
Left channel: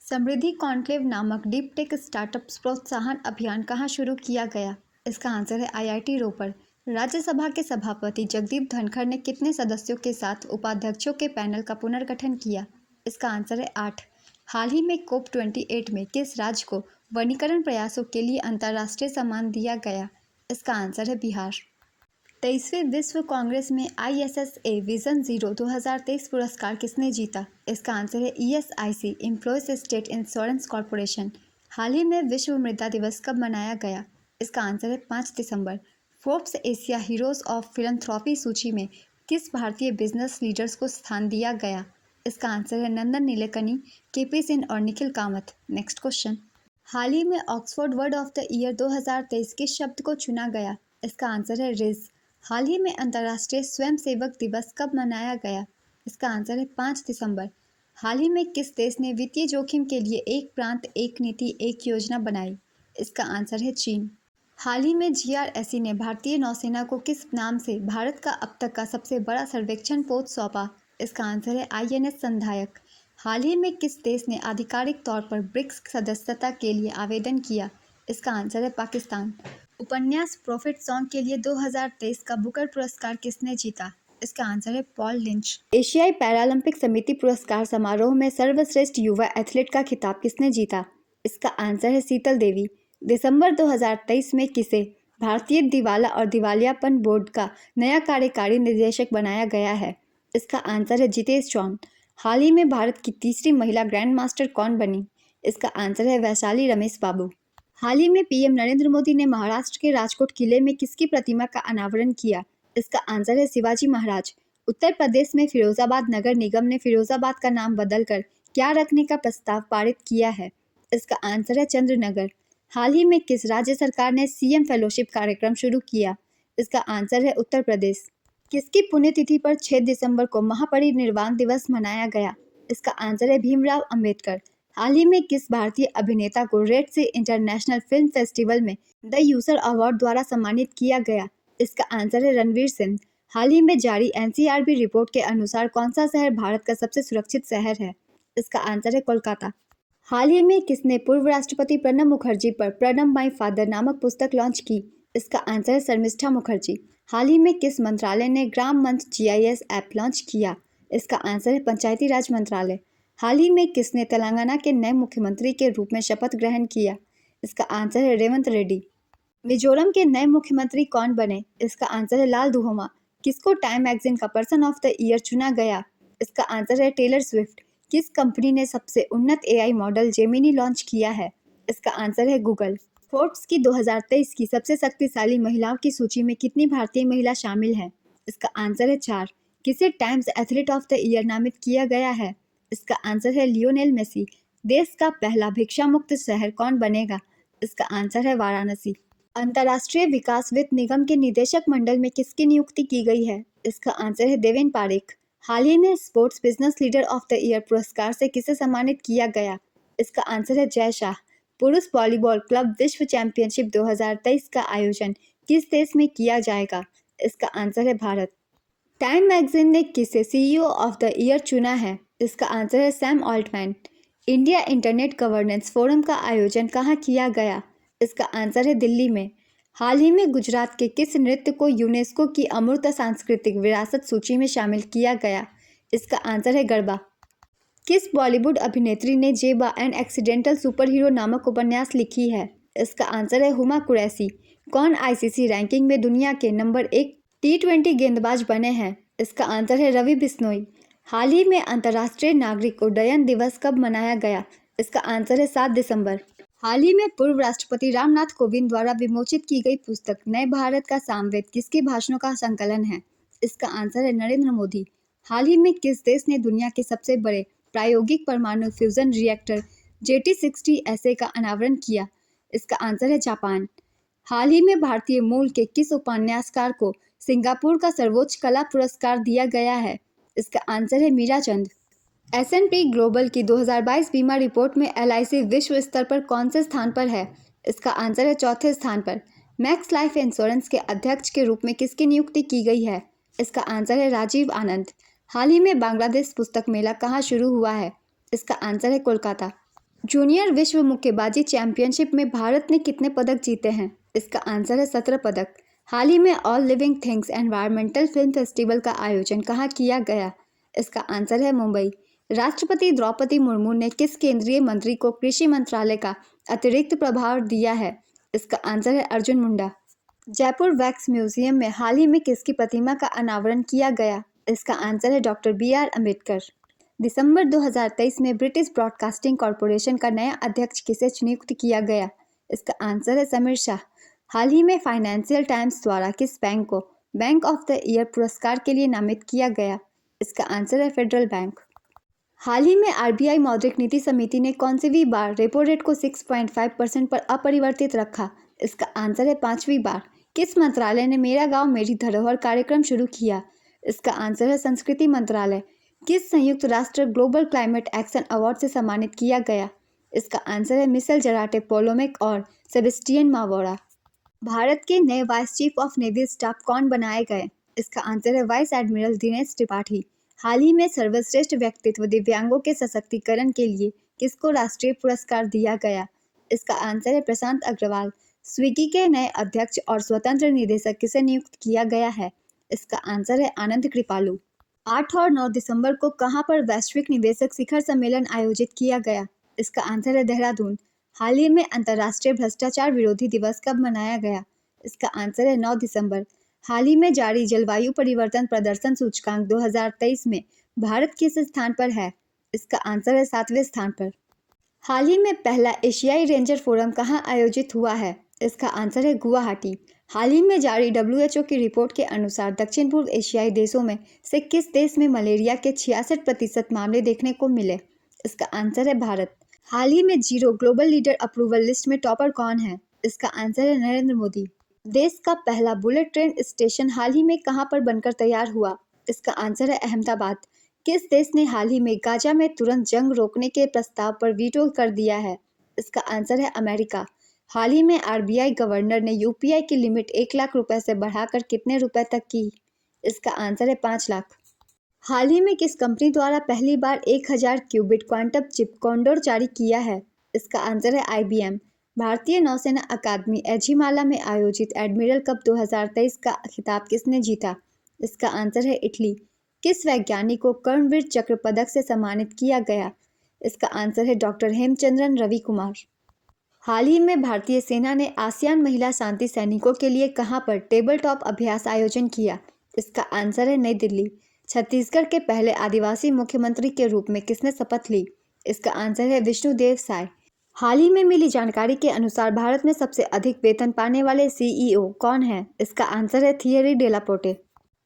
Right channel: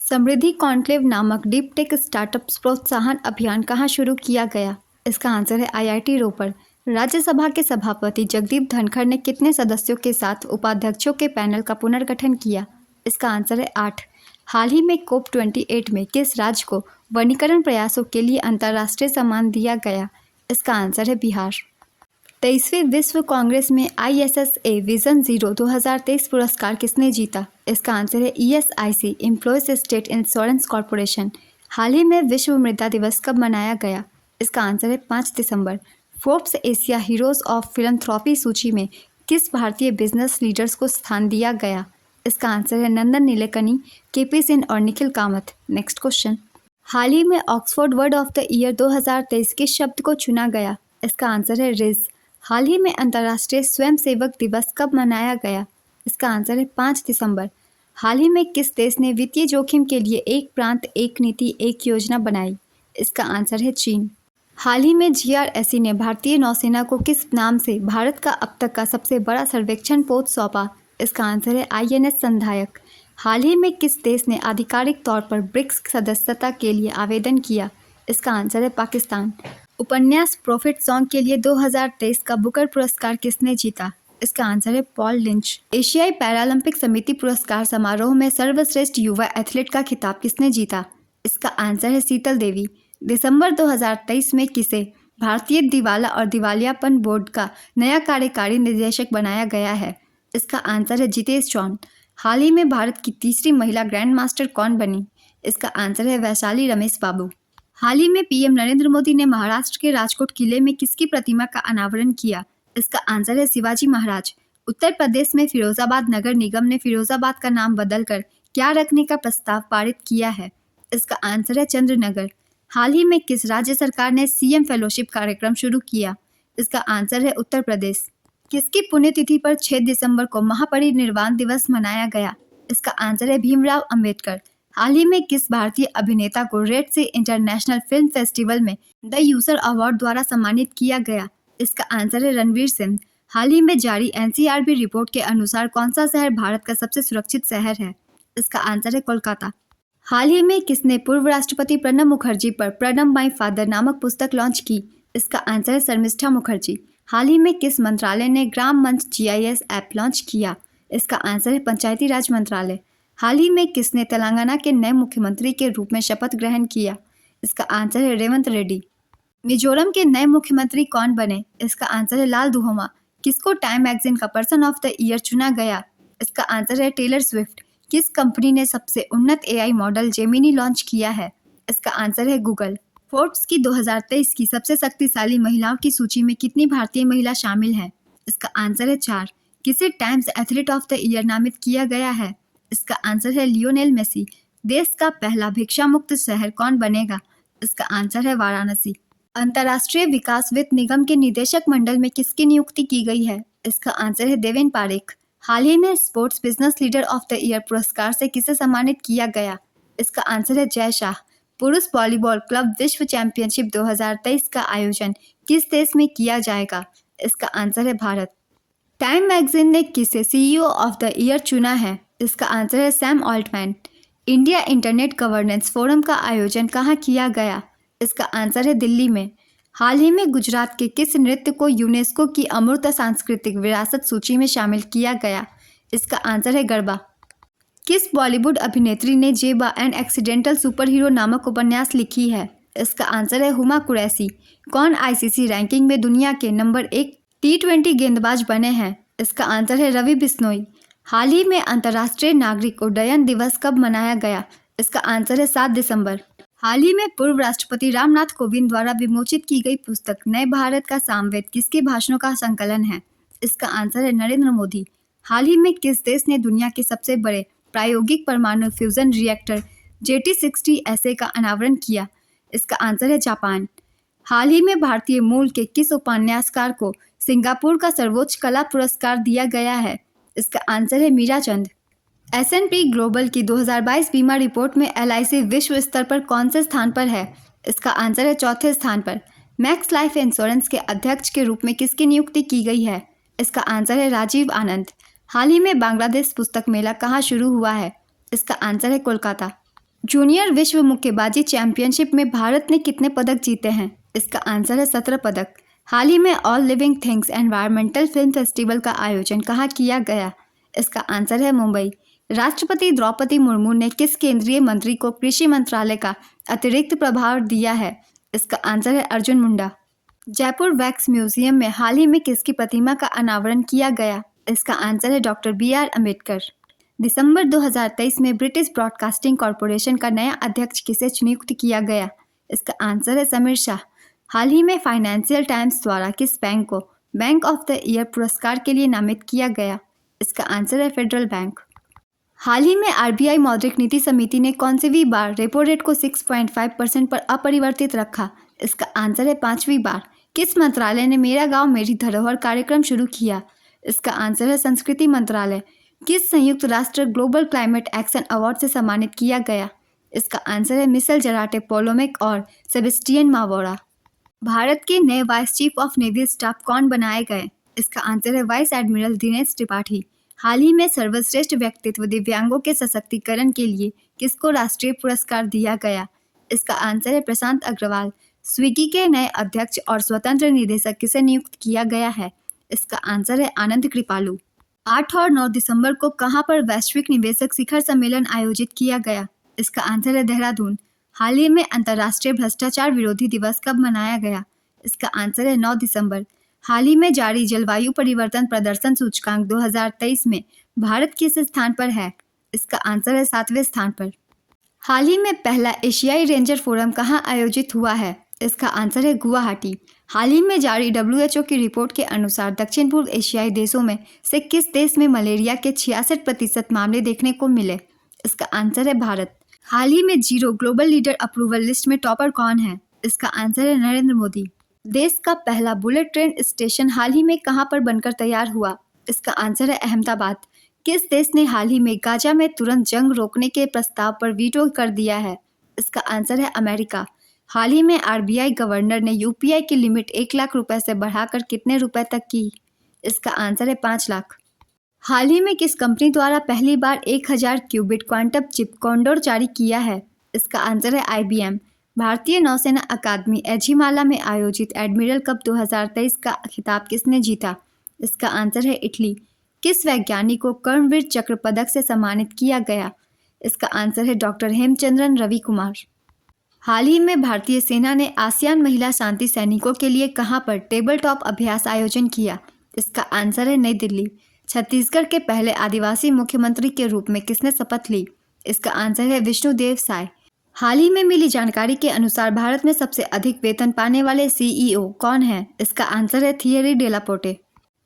समृद्धि कॉन्क्लेव नामक डीप टेक स्टार्टअप्स प्रोत्साहन अभियान कहाँ शुरू किया गया? इसका आंसर है IIT रोपड़। राज्यसभा के सभापति जगदीप धनखड़ ने कितने सदस्यों के साथ उपाध्यक्षों के पैनल का पुनर्गठन किया? इसका आंसर है 8। हाल ही में COP28 में किस राज्य को वनीकरण प्रयासों के लिए अंतर्राष्ट्रीय सम्मान दिया गया? इसका आंसर है बिहार। 23वें विश्व कांग्रेस में ISSA विजन 0 2023 पुरस्कार किसने जीता? इसका आंसर है ESIC employees state insurance corporation. हाल ही में विश्व मृदा दिवस कब मनाया गया? इसका आंसर है 5 दिसंबर। Forbes Asia heroes of philanthropy सूची में किस भारतीय बिजनेस लीडर्स को स्थान दिया गया? इसका आंसर है नंदन नीलेकनी, KP सिंह और निखिल कामत। Next question. हाल ही में Oxford word of the year 2023 किस शब्द को चुना गया? इसका आंसर है रिज। हाल ही में अंतर्राष्ट्रीय स्वयंसेवक दिवस कब मनाया गया? इसका आंसर है 5 दिसंबर। हाल ही में किस देश ने वित्तीय जोखिम के लिए एक प्रांत एक नीति एक योजना बनाई? इसका आंसर है चीन। हाल ही में GRSE ने भारतीय नौसेना को किस नाम से भारत का अब तक का सबसे बड़ा सर्वेक्षण पोत सौंपा? इसका आंसर है INS संधायक। हाल ही में किस देश ने आधिकारिक तौर पर ब्रिक्स सदस्यता के लिए आवेदन किया? इसका आंसर है पाकिस्तान। उपन्यास प्रॉफिट सॉन्ग के लिए 2023 का बुकर पुरस्कार किसने जीता? इसका आंसर है पॉल लिंच। एशियाई पैरालंपिक समिति पुरस्कार समारोह में सर्वश्रेष्ठ युवा एथलीट का खिताब किसने जीता? इसका आंसर है शीतल देवी। दिसंबर 2023 में किसे भारतीय दिवाला और दिवालियापन बोर्ड का नया कार्यकारी निदेशक बनाया गया है? इसका आंसर है जितेश चौन। हाल ही में भारत की तीसरी महिला ग्रैंड मास्टर कौन बनी? इसका आंसर है वैशाली रमेश बाबू। हाल ही में PM नरेंद्र मोदी ने महाराष्ट्र के राजकोट किले में किसकी प्रतिमा का अनावरण किया? इसका आंसर है शिवाजी महाराज। उत्तर प्रदेश में फिरोजाबाद नगर निगम ने फिरोजाबाद का नाम बदलकर क्या रखने का प्रस्ताव पारित किया है? इसका आंसर है चंद्रनगर। हाल ही में किस राज्य सरकार ने CM फेलोशिप कार्यक्रम शुरू किया? इसका आंसर है उत्तर प्रदेश। किसकी पुण्यतिथि पर 6 दिसंबर को महापरिनिर्वाण दिवस मनाया गया? इसका आंसर है भीमराव अंबेडकर। हाल ही में किस भारतीय अभिनेता को रेड सी इंटरनेशनल फिल्म फेस्टिवल में द यूजर अवार्ड द्वारा सम्मानित किया गया? इसका आंसर है रणवीर सिंह। हाल ही में जारी NCRB रिपोर्ट के अनुसार कौन सा शहर भारत का सबसे सुरक्षित शहर है? इसका आंसर है कोलकाता। हाल ही में किसने पूर्व राष्ट्रपति प्रणब मुखर्जी पर प्रणब माई फादर नामक पुस्तक लॉन्च की? इसका आंसर है शर्मिष्ठा मुखर्जी। हाल ही में किस मंत्रालय ने ग्राम मंच GIS ऐप लॉन्च किया? इसका आंसर है पंचायती राज मंत्रालय। हाल ही में किसने तेलंगाना के नए मुख्यमंत्री के रूप में शपथ ग्रहण किया? इसका आंसर है रेवंत रेड्डी। मिजोरम के नए मुख्यमंत्री कौन बने? इसका आंसर है लाल दुहोमा। किसको टाइम मैगजीन का पर्सन ऑफ द ईयर चुना गया? इसका आंसर है टेलर स्विफ्ट। किस कंपनी ने सबसे उन्नत AI मॉडल जेमिनी लॉन्च किया है? इसका आंसर है गूगल। फोर्ब्स की 2023 की सबसे शक्तिशाली महिलाओं की सूची में कितनी भारतीय महिला शामिल हैं? इसका आंसर है 4। किसे times athlete of the year नामित किया गया है? इसका आंसर है लियोनेल मेसी। देश का पहला भिक्षा मुक्त शहर कौन बनेगा? इसका आंसर है वाराणसी। अंतर्राष्ट्रीय विकास वित्त निगम के निदेशक मंडल में किसकी नियुक्ति की गई है? इसका आंसर है देवेन पारेख। हाल ही में sports business leader of the year पुरस्कार से किसे सम्मानित किया गया? इसका आंसर है जय शाह। पुरुष वॉलीबॉल क्लब विश्व चैंपियनशिप 2023 का आयोजन किस देश में किया जाएगा? इसका आंसर है भारत। टाइम मैगजीन ने किसे CEO ऑफ द ईयर चुना है? इसका आंसर है Sam Altman. India internet governance forum का आयोजन कहाँ किया गया? इसका आंसर है दिल्ली में। हाल ही में गुजरात के किस नृत्य को यूनेस्को की अमूर्त सांस्कृतिक विरासत सूची में शामिल किया गया? इसका आंसर है गरबा। किस बॉलीवुड अभिनेत्री ने जेबा एंड एक्सीडेंटल सुपर हीरो नामक उपन्यास लिखी है? इसका आंसर है हुमा कुरैशी। कौन आईसीसी रैंकिंग में दुनिया के नंबर 1 T20 गेंदबाज बने हैं? इसका आंसर है रवि बिश्नोई। हाल ही में अंतर्राष्ट्रीय नागरिक उड्डयन दिवस कब मनाया गया? इसका आंसर है 7 दिसंबर। हाल ही में पूर्व राष्ट्रपति रामनाथ कोविंद द्वारा विमोचित की गई पुस्तक नए भारत का सामवेद किसके भाषणों का संकलन है? इसका आंसर है नरेंद्र मोदी। हाल ही में किस देश ने दुनिया के सबसे बड़े प्रायोगिक परमाणु फ्यूजन रिएक्टर JT60SA का अनावरण किया? इसका आंसर है जापान। हाल ही में भारतीय मूल के किस उपन्यासकार को सिंगापुर का सर्वोच्च कला पुरस्कार दिया गया है? इसका आंसर है मीराचंद। S&P ग्लोबल की 2022 बीमा रिपोर्ट में LIC विश्व स्तर पर कौन से स्थान पर है? इसका आंसर है चौथे स्थान पर। मैक्स लाइफ इंश्योरेंस के अध्यक्ष के रूप में किसकी नियुक्ति की गई है? इसका आंसर है राजीव आनंद। हाल ही में बांग्लादेश पुस्तक मेला कहाँ शुरू हुआ है? इसका आंसर है कोलकाता। जूनियर विश्व मुक्केबाजी चैंपियनशिप में भारत ने कितने पदक जीते हैं? इसका आंसर है 17 पदक। हाल ही में all living things environmental film festival का आयोजन कहाँ किया गया? इसका आंसर है मुंबई। राष्ट्रपति द्रौपदी मुर्मू ने किस केंद्रीय मंत्री को कृषि मंत्रालय का अतिरिक्त प्रभार दिया है? इसका आंसर है अर्जुन मुंडा। जयपुर वैक्स म्यूजियम में हाल ही में किसकी प्रतिमा का अनावरण किया गया? इसका आंसर है डॉक्टर BR अम्बेडकर। दिसंबर 2023 में ब्रिटिश ब्रॉडकास्टिंग कॉरपोरेशन का नया अध्यक्ष किसे नियुक्त किया गया? इसका आंसर है समीर शाह। हाल ही में फाइनेंशियल टाइम्स द्वारा किस बैंक को बैंक ऑफ द ईयर पुरस्कार के लिए नामित किया गया? इसका आंसर है फेडरल बैंक। हाल ही में RBI मौद्रिक नीति समिति ने कौनसी बार रेपो रेट को 6.5% पर अपरिवर्तित रखा? इसका आंसर है 5वीं बार। किस मंत्रालय ने मेरा गांव मेरी धरोहर कार्यक्रम शुरू किया? इसका आंसर है संस्कृति मंत्रालय। किस संयुक्त राष्ट्र ग्लोबल क्लाइमेट एक्शन अवार्ड से सम्मानित किया गया? इसका आंसर है मिशेल जराटे पोलोमेक और सेबेस्टियन मावोरा। भारत के नए vice chief of navy staff कौन बनाए गए? इसका आंसर है वाइस एडमिरल दिनेश त्रिपाठी। हाल ही में सर्वश्रेष्ठ व्यक्तित्व दिव्यांगों के सशक्तिकरण के लिए किसको राष्ट्रीय पुरस्कार दिया गया? इसका आंसर है प्रशांत अग्रवाल। स्विगी के नए अध्यक्ष और स्वतंत्र निदेशक किसे नियुक्त किया गया है? इसका आंसर है आनंद कृपालू। 8 और 9 दिसंबर को कहां पर वैश्विक निवेशक शिखर सम्मेलन आयोजित किया गया? इसका आंसर है देहरादून। हाल ही में अंतर्राष्ट्रीय भ्रष्टाचार विरोधी दिवस कब मनाया गया? इसका आंसर है 9 दिसंबर। हाल ही में जारी जलवायु परिवर्तन प्रदर्शन सूचकांक 2023 में भारत किस स्थान पर है? इसका आंसर है 7वें स्थान पर। हाल ही में पहला एशियाई रेंजर फोरम कहाँ आयोजित हुआ है? इसका आंसर है गुवाहाटी। हाल ही में जारी WHO की रिपोर्ट के अनुसार दक्षिण पूर्व एशियाई देशों में से किस देश में मलेरिया के 66% मामले देखने को मिले? इसका आंसर है भारत। हाल ही में zero global leader approval list में टॉपर कौन है? इसका आंसर है नरेंद्र मोदी। देश का पहला बुलेट ट्रेन स्टेशन हाल ही में कहां पर बनकर तैयार हुआ? इसका आंसर है अहमदाबाद। किस देश ने हाल ही में गाजा में तुरंत जंग रोकने के प्रस्ताव पर वीटो कर दिया है? इसका आंसर है अमेरिका। हाल ही में RBI गवर्नर ने UPI की लिमिट 1 लाख रुपए से बढ़ाकर कितने रुपए तक की? इसका आंसर है 5 लाख। हाल ही में किस कंपनी द्वारा पहली बार 1000 क्यूबिट क्वांटम चिप कॉन्डोर जारी किया है? इसका आंसर है IBM। भारतीय नौसेना अकादमी एझिमाला में आयोजित एडमिरल कप 2023 का खिताब किसने जीता? इसका आंसर है इटली। किस वैज्ञानिक को कर्मवीर चक्र पदक से सम्मानित किया गया? इसका आंसर है डॉक्टर हेमचंद्रन रवि कुमार। हाल ही में भारतीय सेना ने आसियान महिला शांति सैनिकों के लिए कहां पर टेबल टॉप अभ्यास आयोजन किया? इसका आंसर है नई दिल्ली। छत्तीसगढ़ के पहले आदिवासी मुख्यमंत्री के रूप में किसने शपथ ली? इसका आंसर है विष्णुदेव साय। हाल ही में मिली जानकारी के अनुसार भारत में सबसे अधिक वेतन पाने वाले CEO कौन है? इसका आंसर है थियरी डेलापोर्टे।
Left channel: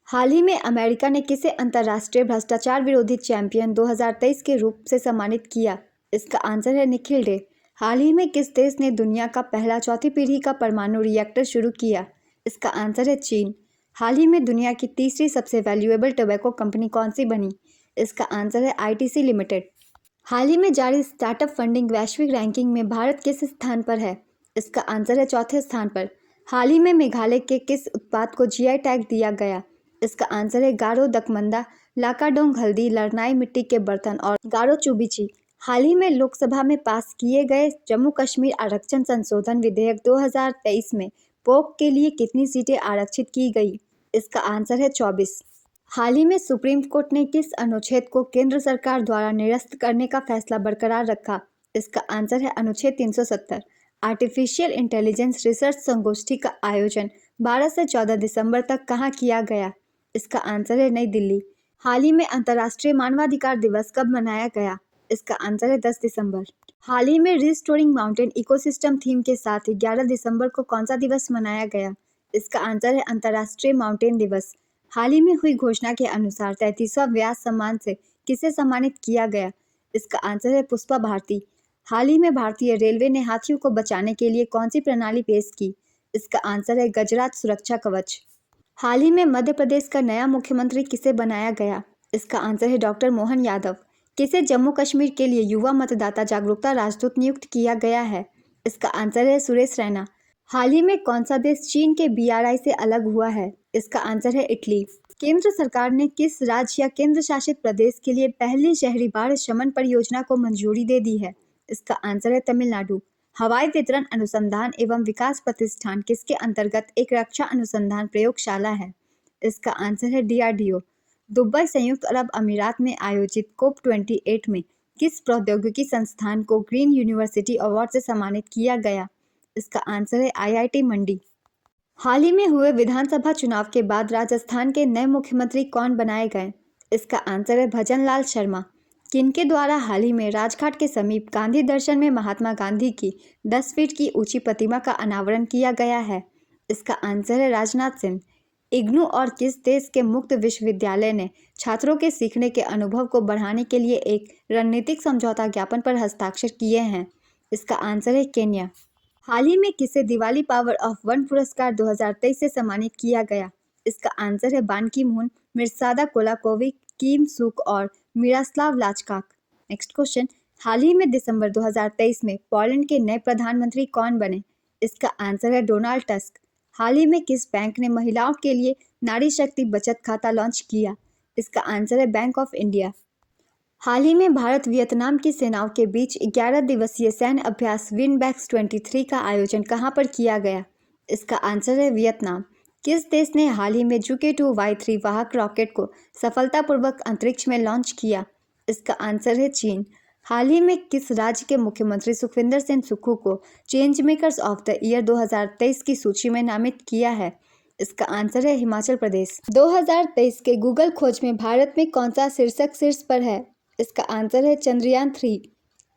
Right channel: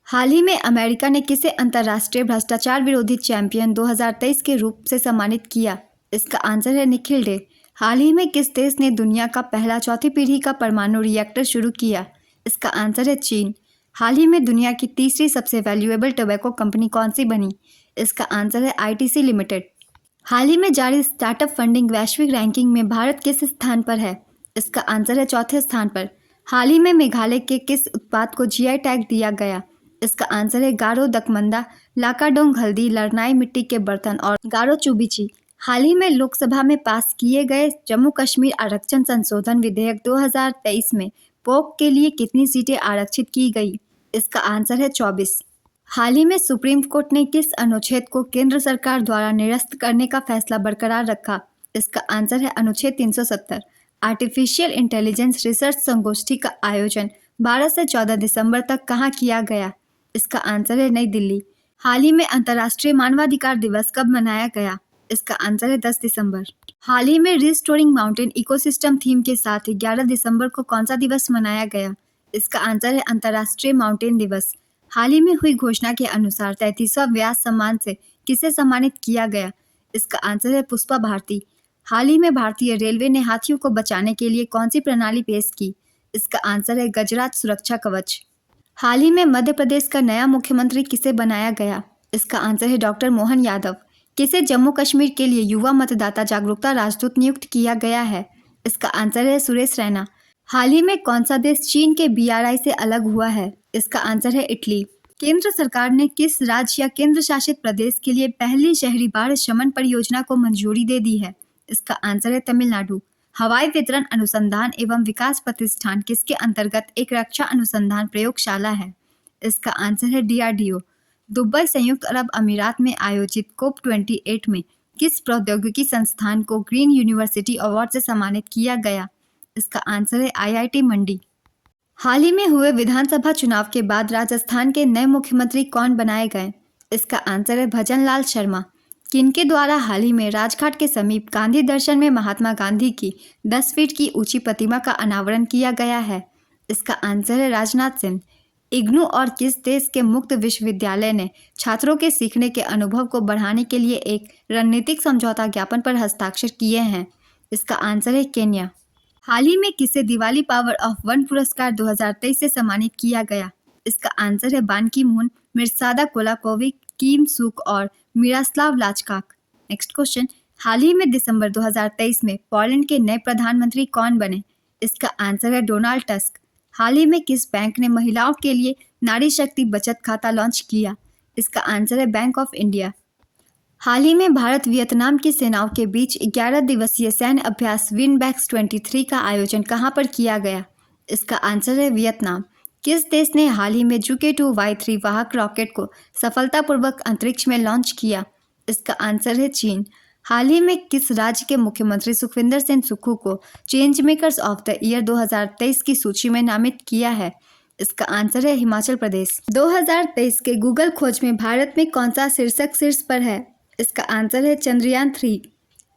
हाल ही में अमेरिका ने किसे अंतर्राष्ट्रीय भ्रष्टाचार विरोधी चैंपियन 2023 के रूप से सम्मानित किया? इसका आंसर है निखिल डे। हाल ही में किस देश ने दुनिया का पहला चौथी पीढ़ी का परमाणु रिएक्टर शुरू किया? इसका आंसर है चीन। हाल ही में दुनिया की तीसरी सबसे वैल्यूएबल टोबैको कंपनी कौन सी बनी? इसका आंसर है ITC लिमिटेड। हाल ही में जारी स्टार्टअप फंडिंग वैश्विक रैंकिंग में भारत किस स्थान पर है? इसका आंसर है चौथे स्थान पर। हाल ही में मेघालय के किस उत्पाद को GI टैग दिया गया? इसका आंसर है गारो दकमंदा, लाकाडोंग हल्दी, लरनाई मिट्टी के बर्तन और गारो चुबिची। हाल ही में लोकसभा में पास किए गए जम्मू कश्मीर आरक्षण संशोधन विधेयक 2023 में पोक के लिए कितनी सीटें आरक्षित की गई? इसका आंसर है 24। हाल ही में सुप्रीम कोर्ट ने किस अनुच्छेद को केंद्र सरकार द्वारा निरस्त करने का फैसला बरकरार रखा? इसका आंसर है अनुच्छेद 370। आर्टिफिशियल इंटेलिजेंस रिसर्च संगोष्ठी का आयोजन 12 से 14 दिसंबर तक कहाँ किया गया? इसका आंसर है नई दिल्ली। हाल ही में अंतर्राष्ट्रीय मानवाधिकार दिवस कब मनाया गया? इसका आंसर है 10 दिसंबर। हाल ही में रिस्टोरिंग माउंटेन इकोसिस्टम थीम के साथ 11 दिसंबर को कौन सा दिवस मनाया गया? इसका आंसर है अंतर्राष्ट्रीय माउंटेन दिवस। हाल ही में हुई घोषणा के अनुसार 33वां व्यास सम्मान से किसे सम्मानित किया गया? इसका आंसर है पुष्पा भारती। हाल ही में भारतीय रेलवे ने हाथियों को बचाने के लिए कौन सी प्रणाली पेश की? इसका आंसर है गजराज सुरक्षा कवच। हाल ही में मध्य प्रदेश का नया मुख्यमंत्री किसे बनाया गया? इसका आंसर है डॉक्टर मोहन यादव। किसे जम्मू कश्मीर के लिए युवा मतदाता जागरूकता राजदूत नियुक्त किया गया है? इसका आंसर है सुरेश रैना। हाल ही में कौन सा देश चीन के BRI से अलग हुआ है? इसका आंसर है इटली। केंद्र सरकार ने किस राज्य या केंद्र शासित प्रदेश के लिए पहली शहरी बाढ़ शमन परियोजना को मंजूरी दे दी है? इसका आंसर है तमिलनाडु। हवाई वितरण अनुसंधान एवं विकास प्रतिष्ठान किसके अंतर्गत एक रक्षा अनुसंधान प्रयोगशाला है? इसका आंसर है DRDO। दुबई संयुक्त अरब अमीरात में आयोजित COP28 में किस प्रौद्योगिकी संस्थान को ग्रीन यूनिवर्सिटी अवार्ड से सम्मानित किया गया? इसका आंसर है IIT मंडी। हाल ही में हुए विधानसभा चुनाव के बाद राजस्थान के नए मुख्यमंत्री कौन बनाए गए? इसका आंसर है भजनलाल शर्मा। किनके द्वारा हाल ही में राजघाट के समीप गांधी दर्शन में महात्मा गांधी की 10 फीट की ऊंची प्रतिमा का अनावरण किया गया है? इसका आंसर है राजनाथ सिंह। इग्नू और किस देश के मुक्त विश्वविद्यालय ने छात्रों के सीखने के अनुभव को बढ़ाने के लिए एक रणनीतिक समझौता ज्ञापन पर हस्ताक्षर किए हैं? इसका आंसर है केन्या। हाल ही में किसे दिवाली पावर ऑफ वन पुरस्कार 2023 से सम्मानित किया गया? इसका आंसर है बान की मून, मिर्सादा कोलाकोविक, किम सुक और मिरास्लाव लाचकाक। नेक्स्ट क्वेश्चन, हाल ही में दिसंबर 2023 में पोलैंड के नए प्रधानमंत्री कौन बने? इसका आंसर है डोनाल्ड टस्क। हाल ही में किस बैंक ने महिलाओं के लिए नारी शक्ति बचत खाता लॉन्च किया? इसका आंसर है बैंक ऑफ इंडिया। हाल ही में भारत वियतनाम की सेनाओं के बीच 11 दिवसीय सैन्य अभ्यास विनबैक्स 23 का आयोजन कहां पर किया गया? इसका आंसर है वियतनाम। किस देश ने हाल ही में JUICE-2Y3 वाहक रॉकेट को सफलतापूर्वक अंतरिक्ष में लॉन्च किया? इसका आंसर है चीन। हाल ही में किस राज्य के मुख्यमंत्री सुखविंदर सिंह सुक्खू को change makers of the year 2023 की सूची में नामित किया है? इसका आंसर है हिमाचल प्रदेश। 2023 के गूगल खोज में भारत में कौन सा शीर्षक शीर्ष पर है? इसका आंसर है चंद्रयान 3।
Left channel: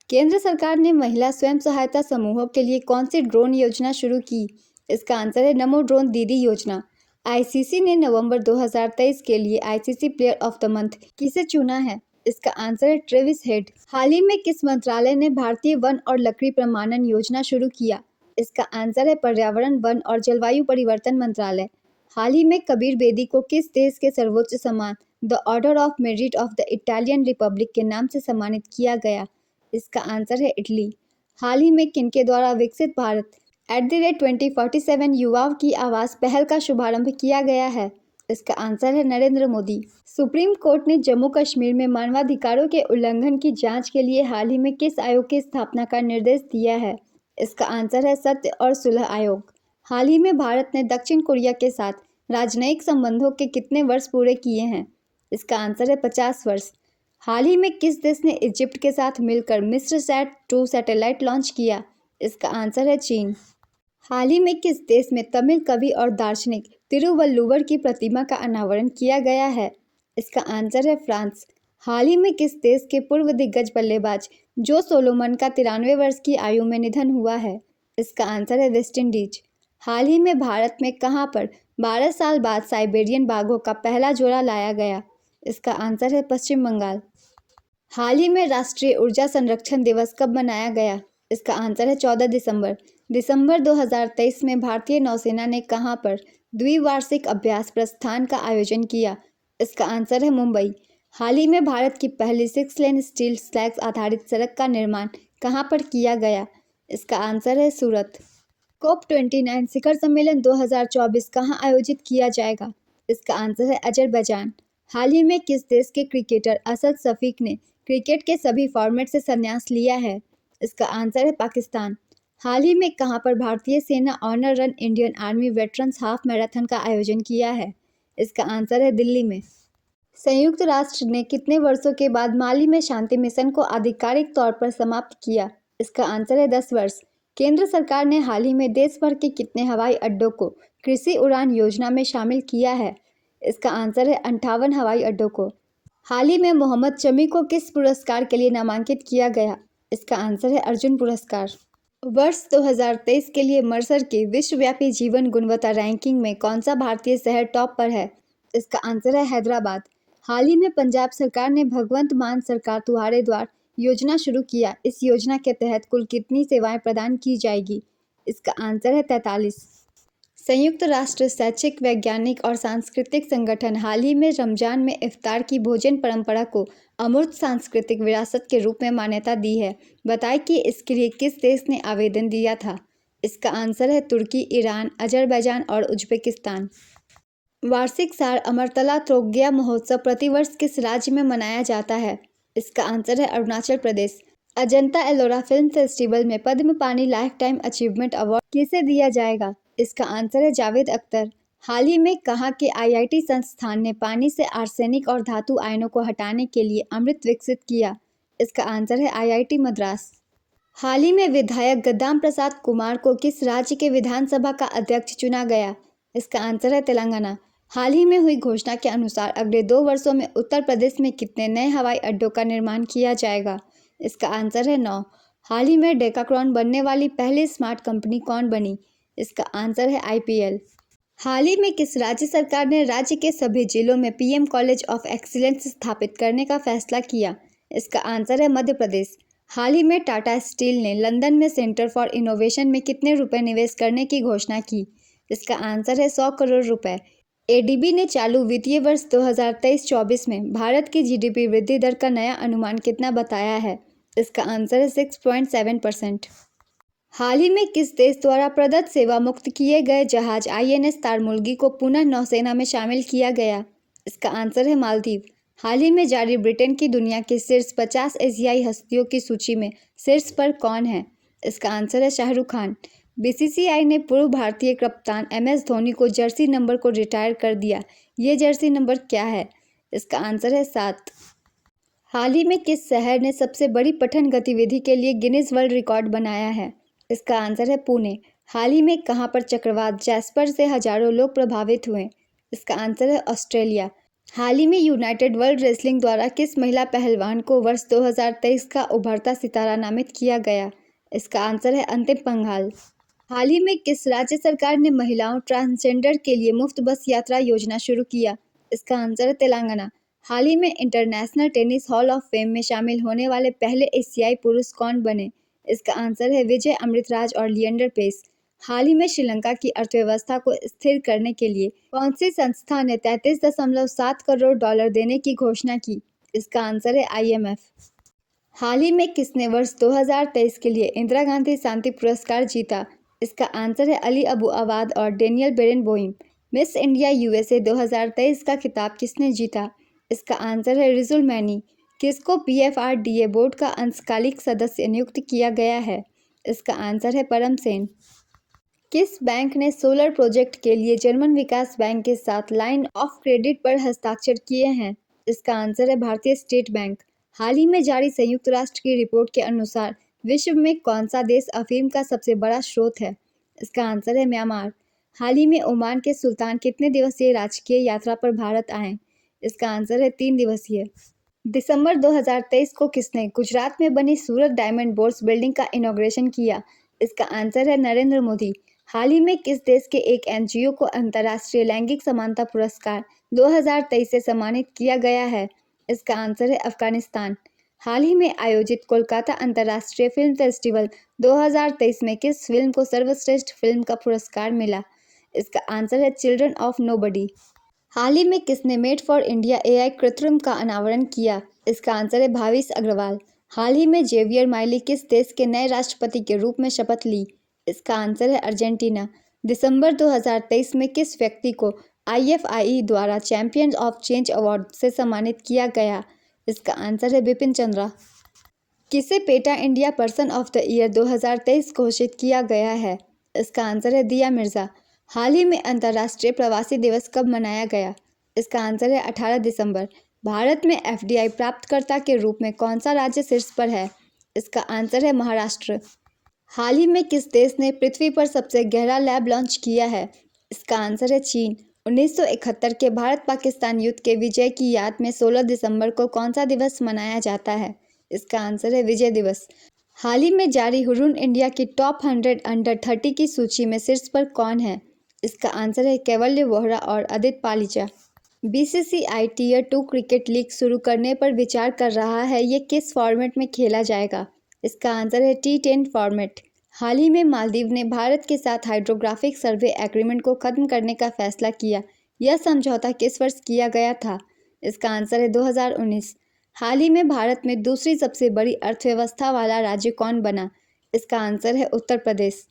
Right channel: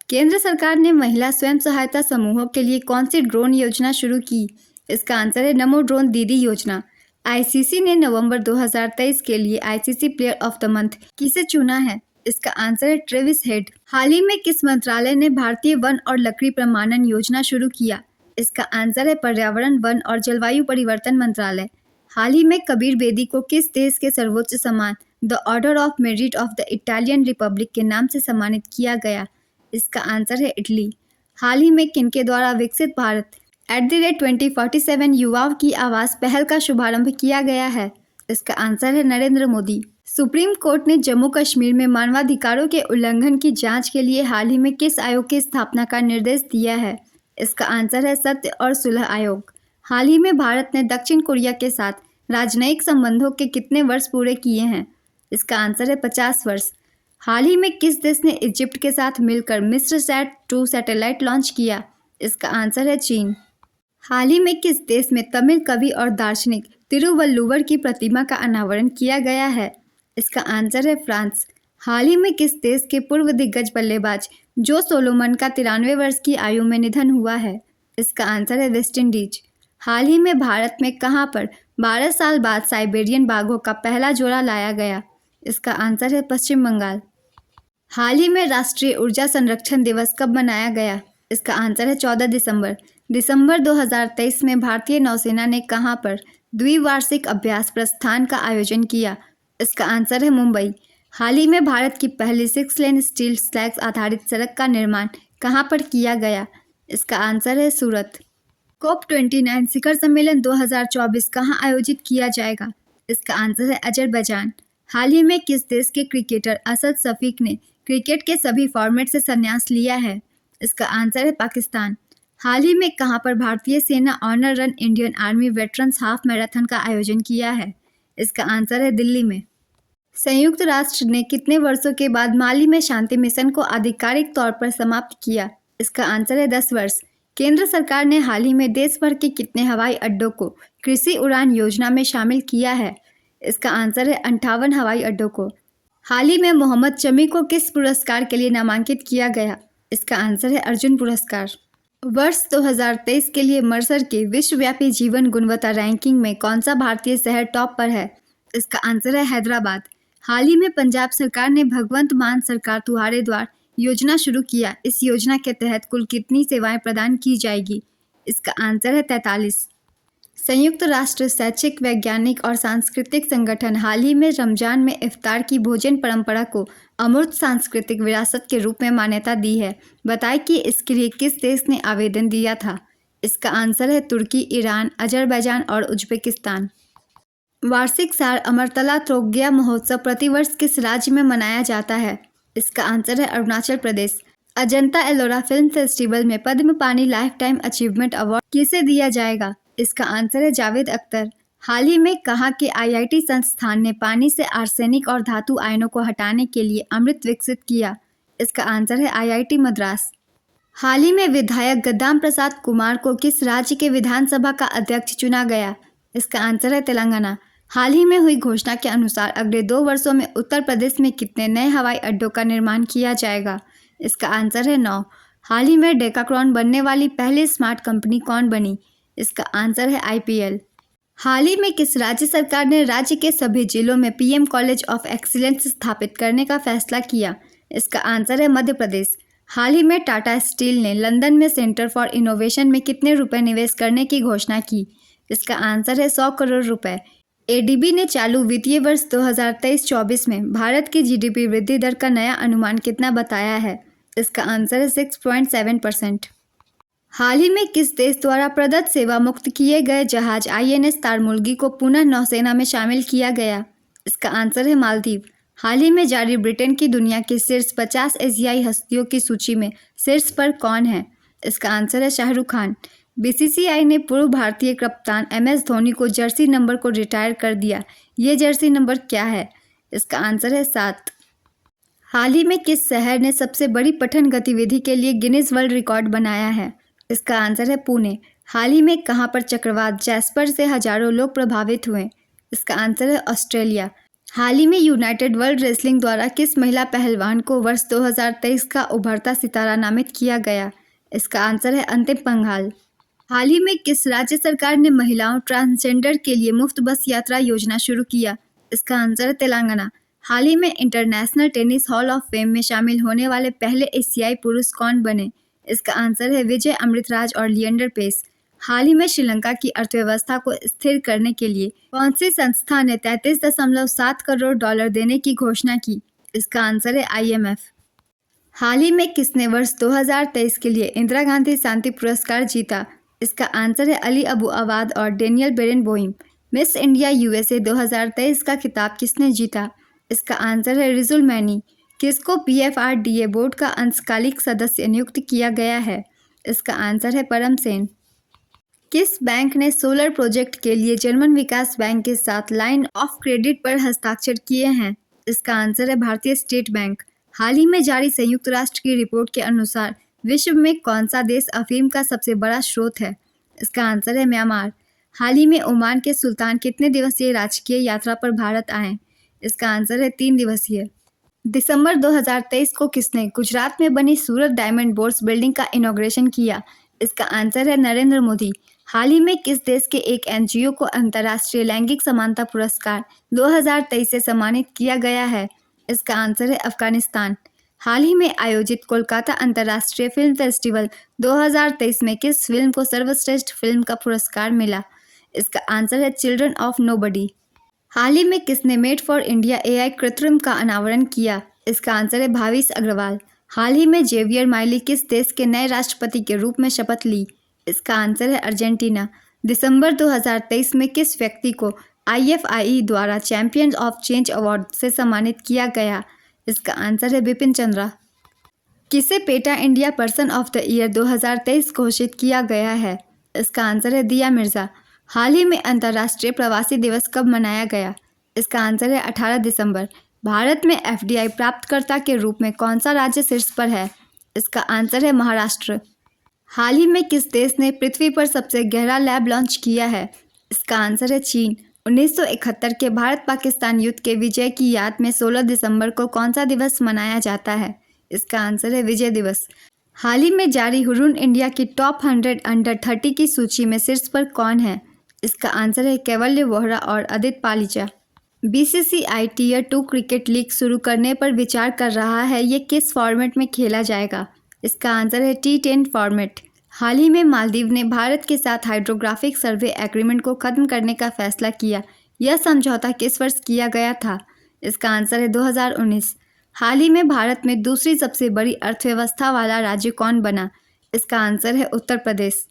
केंद्र सरकार ने महिला स्वयं सहायता समूहों के लिए कौन सी ड्रोन योजना शुरू की? इसका आंसर है नमो ड्रोन दीदी योजना। ICC ने नवंबर 2023 के लिए ICC player of the month किसे चुना है? इसका आंसर है ट्रेविस हेड। हाल ही में किस मंत्रालय ने भारतीय वन और लकड़ी प्रमाणन योजना शुरू किया? इसका आंसर है पर्यावरण, वन और जलवायु परिवर्तन मंत्रालय। हाल ही में कबीर बेदी को किस देश के सर्वोच्च सम्मान the order of merit of the Italian Republic के नाम से सम्मानित किया गया? इसका आंसर है इटली। हाल ही में किनके द्वारा विकसित भारत @2047 युवाओं की आवाज़ पहल का शुभारंभ किया गया है? इसका आंसर है नरेंद्र मोदी। सुप्रीम कोर्ट ने जम्मू कश्मीर में मानवाधिकारों के उल्लंघन की जांच के लिए हाल ही में किस आयोग की स्थापना का निर्देश दिया है? इसका आंसर है सत्य और सुलह आयोग। हाल ही में भारत ने दक्षिण कोरिया के साथ राजनयिक संबंधों के कितने वर्ष पूरे किए हैं? इसका आंसर है 50 वर्ष। हाल ही में किस देश ने इजिप्ट के साथ मिलकर मिस्रसैट-2 सैटेलाइट लॉन्च किया? इसका आंसर है चीन। हाल ही में किस देश में तमिल कवि और दार्शनिक तिरुवल्लुवर की प्रतिमा का अनावरण किया गया है? इसका आंसर है फ्रांस। हाल ही में किस देश के पूर्व दिग्गज बल्लेबाज जो सोलोमन का 93 वर्ष की आयु में निधन हुआ है? इसका आंसर है वेस्ट इंडीज। हाल ही में भारत में कहां पर 12 साल बाद साइबेरियन बाघों का पहला जोड़ा लाया गया? इसका आंसर है पश्चिम बंगाल। हाल ही में राष्ट्रीय ऊर्जा संरक्षण दिवस कब मनाया गया? इसका आंसर है 14 दिसंबर। दिसंबर 2023 में भारतीय नौसेना ने कहां पर द्विवार्षिक अभ्यास प्रस्थान का आयोजन किया? इसका आंसर है मुंबई। हाल ही में भारत की पहली 6 लेन स्टील स्लैग्स आधारित सड़क का निर्माण कहां पर किया गया? इसका आंसर है सूरत। COP29 शिखर सम्मेलन 2024 कहां आयोजित किया जाएगा? इसका आंसर है अजरबैजान। हाल ही में किस देश के क्रिकेटर असद शफीक ने क्रिकेट के सभी फॉर्मेट से संन्यास लिया है? इसका आंसर है पाकिस्तान। हाल ही में कहां पर भारतीय सेना honour run Indian Army veterans half marathon का आयोजन किया है? इसका आंसर है दिल्ली में। संयुक्त राष्ट्र ने कितने वर्षों के बाद माली में शांति मिशन को आधिकारिक तौर पर समाप्त किया? इसका आंसर है 10 वर्ष। केंद्र सरकार ने हाल ही में देश भर के कितने हवाई अड्डों को कृषि उड़ान योजना में शामिल किया है? इसका आंसर है 58 हवाई अड्डों को। हाल ही में मोहम्मद शमी को किस पुरस्कार के लिए नामांकित किया गया? इसका आंसर है अर्जुन पुरस्कार। वर्ष 2023 के लिए मर्सर की विश्वव्यापी जीवन गुणवत्ता रैंकिंग में कौन सा भारतीय शहर टॉप पर है? इसका आंसर है हैदराबाद। हाल ही में पंजाब सरकार ने भगवंत मान सरकार तुम्हारे द्वार योजना शुरू किया। इस योजना के तहत कुल कितनी सेवाएं प्रदान की जाएगी? इसका आंसर है 43। संयुक्त राष्ट्र शैक्षिक, वैज्ञानिक और सांस्कृतिक संगठन हाल ही में रमजान में इफ्तार की भोजन परंपरा को अमूर्त सांस्कृतिक विरासत के रूप में मान्यता दी है। बताएं कि इसके लिए किस देश ने आवेदन दिया था? इसका आंसर है तुर्की, ईरान, अजरबैजान और उज्बेकिस्तान। वार्षिक सार अमरतला त्रोग्या महोत्सव प्रतिवर्ष किस राज्य में मनाया जाता है? इसका आंसर है अरुणाचल प्रदेश। अजंता एलोरा फिल्म फेस्टिवल में पद्म पानी लाइफ टाइम अचीवमेंट अवार्ड किसे दिया जाएगा? इसका आंसर है जावेद अख्तर। हाल ही में कहाँ के आईआईटी संस्थान ने पानी से आर्सेनिक और धातु आयनों को हटाने के लिए अमृत विकसित किया? इसका आंसर है आईआईटी मद्रास। हाल ही में विधायक गद्दाम प्रसाद कुमार को किस राज्य के विधानसभा का अध्यक्ष चुना गया? इसका आंसर है तेलंगाना। हाल ही में हुई घोषणा के अनुसार अगले 2 वर्षों में उत्तर प्रदेश में कितने नए हवाई अड्डों का निर्माण किया जाएगा? इसका आंसर है 9। हाल ही में डेकाक्रॉन बनने वाली पहली स्मार्ट कंपनी कौन बनी? इसका आंसर है आईपीएल। हाल ही में किस राज्य सरकार ने राज्य के सभी जिलों में पीएम कॉलेज ऑफ एक्सीलेंस स्थापित करने का फैसला किया? इसका आंसर है मध्य प्रदेश। हाल ही में टाटा स्टील ने लंदन में सेंटर फॉर इनोवेशन में कितने रुपए निवेश करने की घोषणा की? इसका आंसर है 100 करोड़ रुपए। एडीबी ने चालू वित्तीय वर्ष 2023-24 में भारत की जीडीपी वृद्धि दर का नया अनुमान कितना बताया है? इसका आंसर है 6.7%। हाल ही में किस देश द्वारा प्रदत्त सेवा मुक्त किए गए जहाज आईएनएस तारमुर्गी को पुनः नौसेना में शामिल किया गया? इसका आंसर है मालदीव। हाल ही में जारी ब्रिटेन की दुनिया की शीर्ष 50 एशियाई हस्तियों की सूची में शीर्ष पर कौन है? इसका आंसर है शाहरुख खान। बीसीसीआई ने पूर्व भारतीय कप्तान एमएस धोनी को जर्सी नंबर को रिटायर कर दिया। ये जर्सी नंबर क्या है? इसका आंसर है 7। हाल ही में किस शहर ने सबसे बड़ी पठन गतिविधि के लिए गिनीज वर्ल्ड रिकॉर्ड बनाया है? इसका आंसर है पुणे। हाल ही में कहाँ पर चक्रवात जैस्पर से हजारों लोग प्रभावित हुए? इसका आंसर है ऑस्ट्रेलिया। हाल ही में यूनाइटेड वर्ल्ड रेसलिंग द्वारा किस महिला पहलवान को वर्ष 2023 का उभरता सितारा नामित किया गया? इसका आंसर है अंतिम पंघाल। हाल ही में किस राज्य सरकार ने महिलाओं ट्रांसजेंडर के लिए मुफ्त बस यात्रा योजना शुरू किया? इसका आंसर है तेलंगाना। हाल ही में international tennis hall of fame में शामिल होने वाले पहले एशियाई पुरुष कौन बने? इसका आंसर है विजय अमृतराज और लिएंडर पेस। हाल ही में श्रीलंका की अर्थव्यवस्था को स्थिर करने के लिए कौन सी संस्था ने 33.7 करोड़ डॉलर देने की घोषणा की? इसका आंसर है आईएमएफ। हाल ही में किसने वर्ष 2023 के लिए इंदिरा गांधी शांति पुरस्कार जीता? इसका आंसर है अली अबू अवाद और डेनियल बेरेनबोइम। मिस इंडिया यूएसए 2023 का खिताब किसने जीता? इसका आंसर है रिजुल मैनी। किसको पीएफआरडीए बोर्ड का अंशकालिक सदस्य नियुक्त किया गया है? इसका आंसर है परम सेन। किस बैंक ने सोलर प्रोजेक्ट के लिए जर्मन विकास बैंक के साथ लाइन ऑफ क्रेडिट पर हस्ताक्षर किए हैं? इसका आंसर है भारतीय स्टेट बैंक। हाल ही में जारी संयुक्त राष्ट्र की रिपोर्ट के अनुसार विश्व में कौन सा देश अफीम का सबसे बड़ा स्रोत है? इसका आंसर है म्यांमार। हाल ही में ओमान के सुल्तान कितने दिवसीय राजकीय यात्रा पर भारत आए? इसका आंसर है 3 दिवसीय। दिसंबर 2023 को किसने गुजरात में बनी सूरत डायमंड बोर्स बिल्डिंग का इनॉग्रेशन किया? इसका आंसर है नरेंद्र मोदी। हाल ही में किस देश के एक एनजीओ को अंतर्राष्ट्रीय लैंगिक समानता पुरस्कार 2023 से सम्मानित किया गया है? इसका आंसर है अफगानिस्तान। हाल ही में आयोजित कोलकाता अंतर्राष्ट्रीय फिल्म फेस्टिवल 2023 में किस फिल्म को सर्वश्रेष्ठ फिल्म का पुरस्कार मिला? इसका आंसर है चिल्ड्रन ऑफ नोबडी। हाल ही में किसने मेड फॉर इंडिया एआई कृत्रिम का अनावरण किया? इसका आंसर है भाविश अग्रवाल। हाल ही में जेवियर माइली किस देश के नए राष्ट्रपति के रूप में शपथ ली? इसका आंसर है अर्जेंटीना। दिसंबर 2023 में किस व्यक्ति को आईएफआई द्वारा चैंपियन ऑफ चेंज अवार्ड से सम्मानित किया गया? इसका आंसर है बिपिन चंद्रा। किसे PETA India person of the year 2023 घोषित किया गया है? इसका आंसर है दिया मिर्जा। हाल ही में अंतर्राष्ट्रीय प्रवासी दिवस कब मनाया गया? इसका आंसर है 18 दिसंबर। भारत में एफडीआई प्राप्तकर्ता के रूप में कौन सा राज्य शीर्ष पर है? इसका आंसर है महाराष्ट्र। हाल ही में किस देश ने पृथ्वी पर सबसे गहरा लैब लॉन्च किया है? इसका आंसर है चीन। 1971 के भारत पाकिस्तान युद्ध के विजय की याद में 16 दिसंबर को कौन सा दिवस मनाया जाता है? इसका आंसर है विजय दिवस। हाल ही में जारी हुरून इंडिया की टॉप 100 अंडर 30 की सूची में शीर्ष पर कौन है? इसका आंसर है कैवल्य वोहरा और Aditya Palija. BCCI tier 2 cricket league शुरू करने पर विचार कर रहा है। ये किस फॉर्मेट में खेला जाएगा? इसका आंसर है T10 फॉर्मेट। हाल ही में मालदीव ने भारत के साथ हाइड्रोग्राफिक सर्वे एग्रीमेंट को खत्म करने का फैसला किया। यह समझौता किस वर्ष किया गया था? इसका आंसर है 2019। हाल ही में भारत में दूसरी सबसे बड़ी अर्थव्यवस्था वाला राज्य कौन बना? इसका आंसर है उत्तर प्रदेश।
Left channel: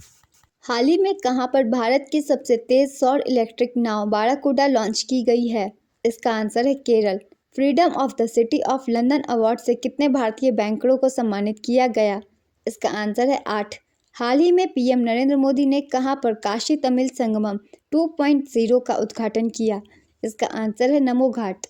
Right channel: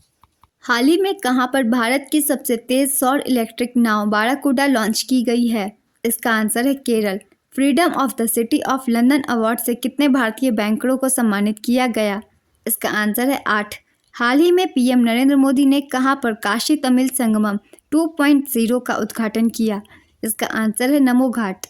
हाल ही में कहां पर भारत की सबसे तेज सौर इलेक्ट्रिक नाव बाराकूडा लॉन्च की गई है? इसका आंसर है Kerala. Freedom of the city of London award से कितने भारतीय बैंकरों को सम्मानित किया गया? इसका आंसर है 8। हाल ही में पीएम नरेंद्र मोदी ने कहां पर काशी तमिल संगमम 2.0 का उद्घाटन किया? इसका आंसर है नमो घाट।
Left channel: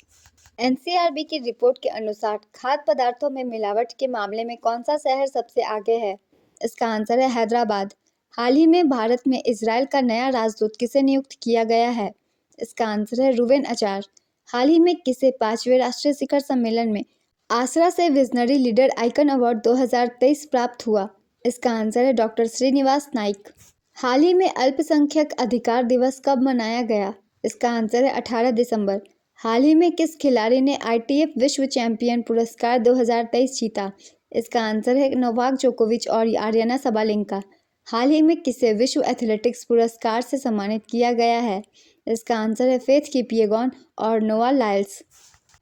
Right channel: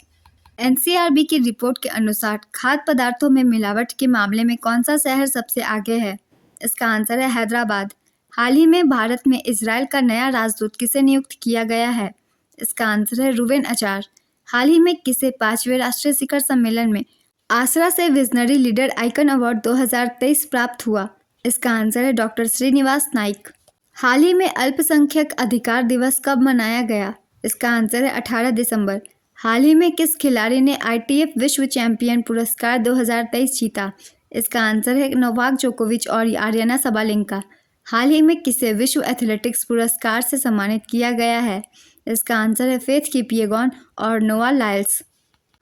एनसीआरबी की रिपोर्ट के अनुसार खाद्य पदार्थों में मिलावट के मामले में कौन सा शहर सबसे आगे है? इसका आंसर है हैदराबाद। हाल ही में भारत में इजराइल का नया राजदूत किसे नियुक्त किया गया है? इसका आंसर है रुवेन अचार। हाल ही में किसे 5वें राष्ट्रीय शिखर सम्मेलन में आसरा से विजनरी लीडर आइकन अवार्ड 2023 प्राप्त हुआ? इसका आंसर है डॉक्टर श्रीनिवास नाइक। हाल ही में अल्पसंख्यक अधिकार दिवस कब मनाया गया? इसका आंसर है 18 दिसंबर। हाल ही में किस खिलाड़ी ने ITF विश्व चैंपियन पुरस्कार 2023 जीता? इसका आंसर है नोवाक जोकोविच और आर्याना सबालेंका। हाल ही में किसे विश्व एथलेटिक्स पुरस्कार से सम्मानित किया गया है? इसका आंसर है फेथ किपिएगॉन और नोआ लाइल्स।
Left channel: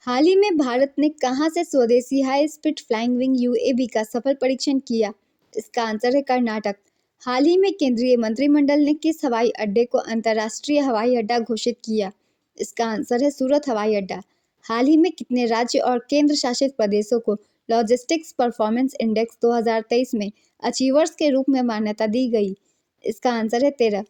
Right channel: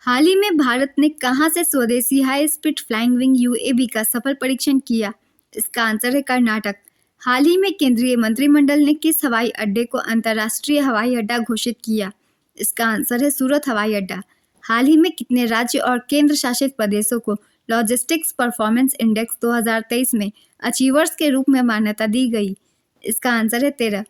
हाल ही में भारत ने कहां से स्वदेशी high speed flying wing UAV का सफल परीक्षण किया? इसका आंसर है कर्नाटक। हाल ही में केंद्रीय मंत्रिमंडल ने किस हवाई अड्डे को अंतर्राष्ट्रीय हवाई अड्डा घोषित किया? इसका आंसर है सूरत हवाई अड्डा। हाल ही में कितने राज्य और केंद्र शासित प्रदेशों को लॉजिस्टिक्स परफॉर्मेंस इंडेक्स 2023 में अचीवर्स के रूप में मान्यता दी गई? इसका आंसर है 13।